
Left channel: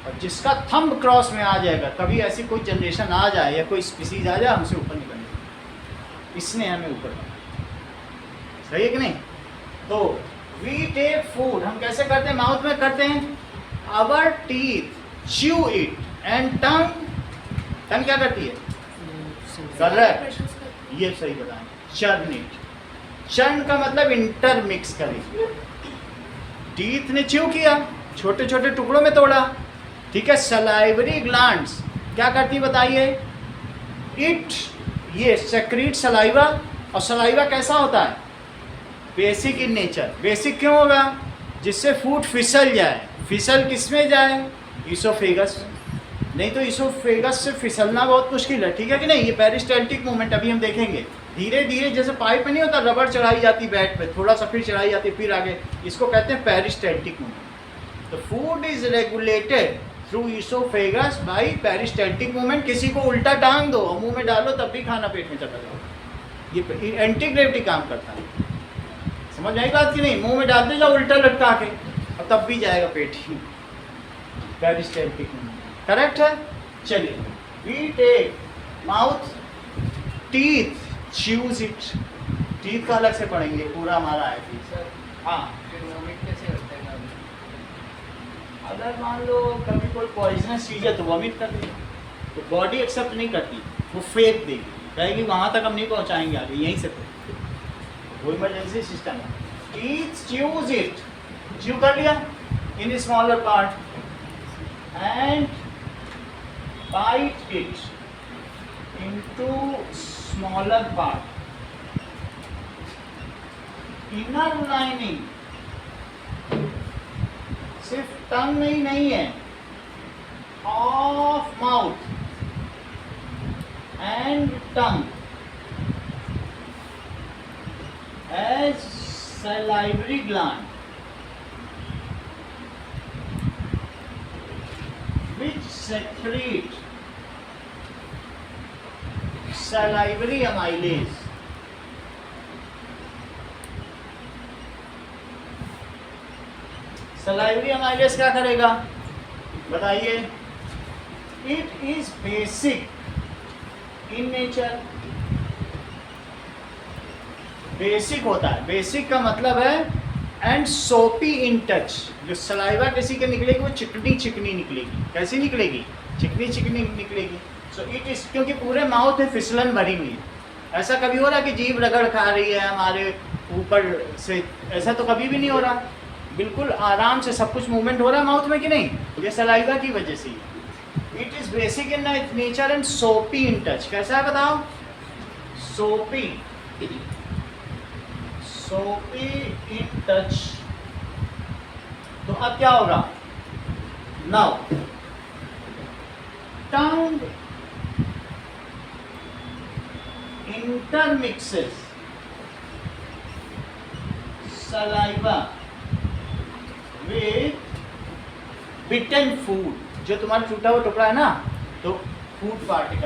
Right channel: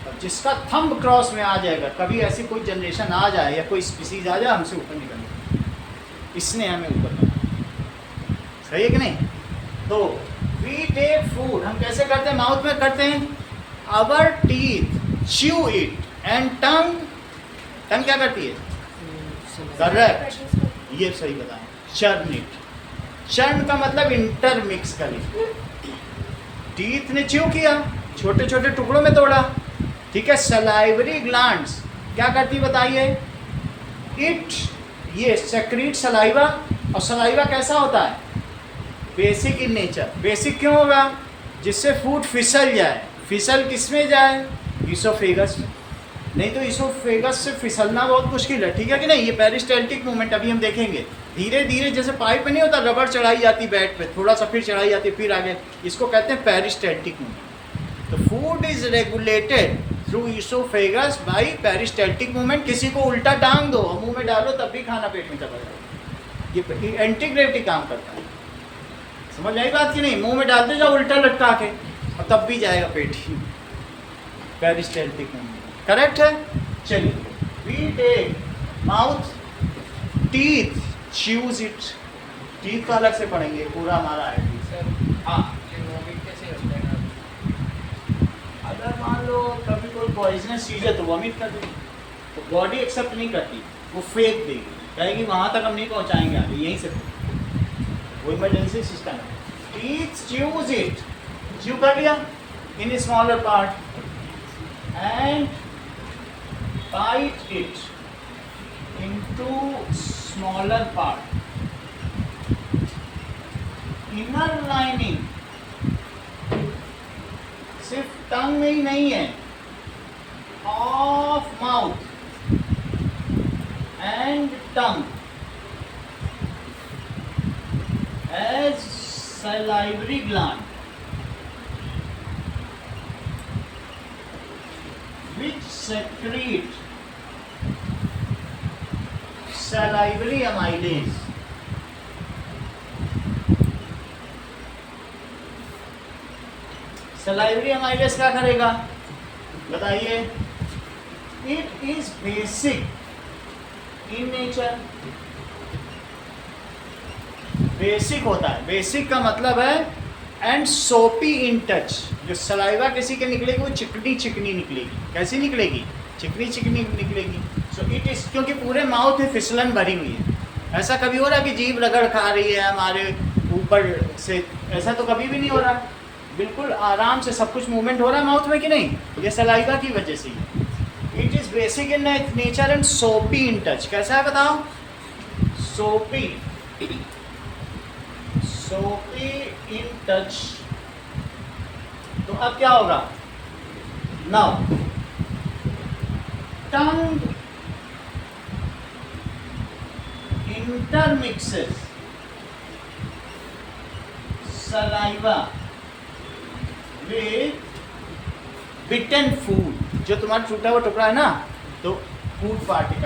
और जिसका थंब क्रॉस में आ जाएगा, कभी ऐसी कोई जनरेशन आ जाए या कोई स्पीसीज आ जाए, हमसे ऊपर निकलने, इसने हमें ऊपर कर, सही है कि नहीं? तो वी टेक फूड, हम कैसे करते हैं? माउथ में करते हैं। Our teeth chew it and tongue, tongue क्या करती है? करेक्ट, ये सही बताएं। चर्न इट, चर्न का मतलब इंटरमिक्स करें। टीथ ने च्यू किया, छोटे छोटे टुकड़ों में तोड़ा, ठीक है। सलाइवरी ग्लैंड्स क्या करती बताइए? इट, ये सेक्रीट सलाइवा। और सलाइवा कैसा होता है? Basic in nature. बेसिक क्यों होगा? जिससे फूड फिसल जाए। फिसल किस में जाए? इसोफेगस में। नहीं तो इसोफेगस से फिसलना बहुत मुश्किल है, ठीक है कि नहीं? ये पेरिस्टाल्टिक मूवमेंट अभी हम देखेंगे। धीरे धीरे जैसे पाइप में नहीं होता, रबड़ चढ़ाई जाती बेड पे, थोड़ा सा फिर चढ़ाई जाती, फिर आगे, इसको कहते हैं पेरिस्टाल्टिक मूवमेंट। तो food is regulated through oesophagus by peristaltic movement. किसी को उल्टा टांग दो और मुंह में डालो तब भी खाना पेट में चला जाएगा। ये एंटी ग्रेविटी काम करता है, समझ आई बात कि नहीं? मुंह में डालते जाओ उल्टा लटका के और तब भी जाएगा पेट ही। पेरिस्टाल्टिक मूवमेंट करेक्ट है। चलिए, we take mouth, teeth chews it. Teeth का अलग से पढ़ेंगे, पूरा हमारा है। सर हाँ, फिर वॉमिट कैसे करते हैं आप? अगर मान लो कभी कोई पॉइजनस चीज़ है तो वॉमिट कर देगी, तो बॉडी एक्सेप्ट नहीं करती, वो फेंक देगी, कहेगी वहाँ तक हम नहीं पहुँचाएंगे, आगे यहीं से वो इमरजेंसी सिस्टम है। टीथ च्यूज इट, च्यू कर लिया in smaller part and bite it into smaller part. Inner lining सिर्फ टंग में ही नहीं है, of mouth and tongue as salivary gland which secrete salivary amylase. salivary amylase क्या करेगा बताइए? It is basic in nature. Basic होता है, बेसिक का मतलब है एंड सोपी इन टच। जो सलाइवा किसी के निकलेगी वो चिकनी चिकनी निकलेगी। कैसी निकलेगी? चिकनी चिकनी निकलेगी। सो इट इज, क्योंकि पूरे माउथ में फिसलन भरी हुई है। ऐसा कभी हो रहा कि जीभ रगड़ खा रही है हमारे ऊपर से? ऐसा तो कभी भी नहीं हो रहा, बिल्कुल आराम से सब कुछ मूवमेंट हो रहा है माउथ में कि नहीं? ये सलाइवा की वजह से ही। It is basic in nature and soapy in touch. कैसा है बताओ? सोपी, सोपी इन टच। तो अब क्या होगा? Now tongue intermixes saliva with bitten food. जो तुम्हारा टूटा हुआ टुकड़ा है ना, तो फूड पार्टिकल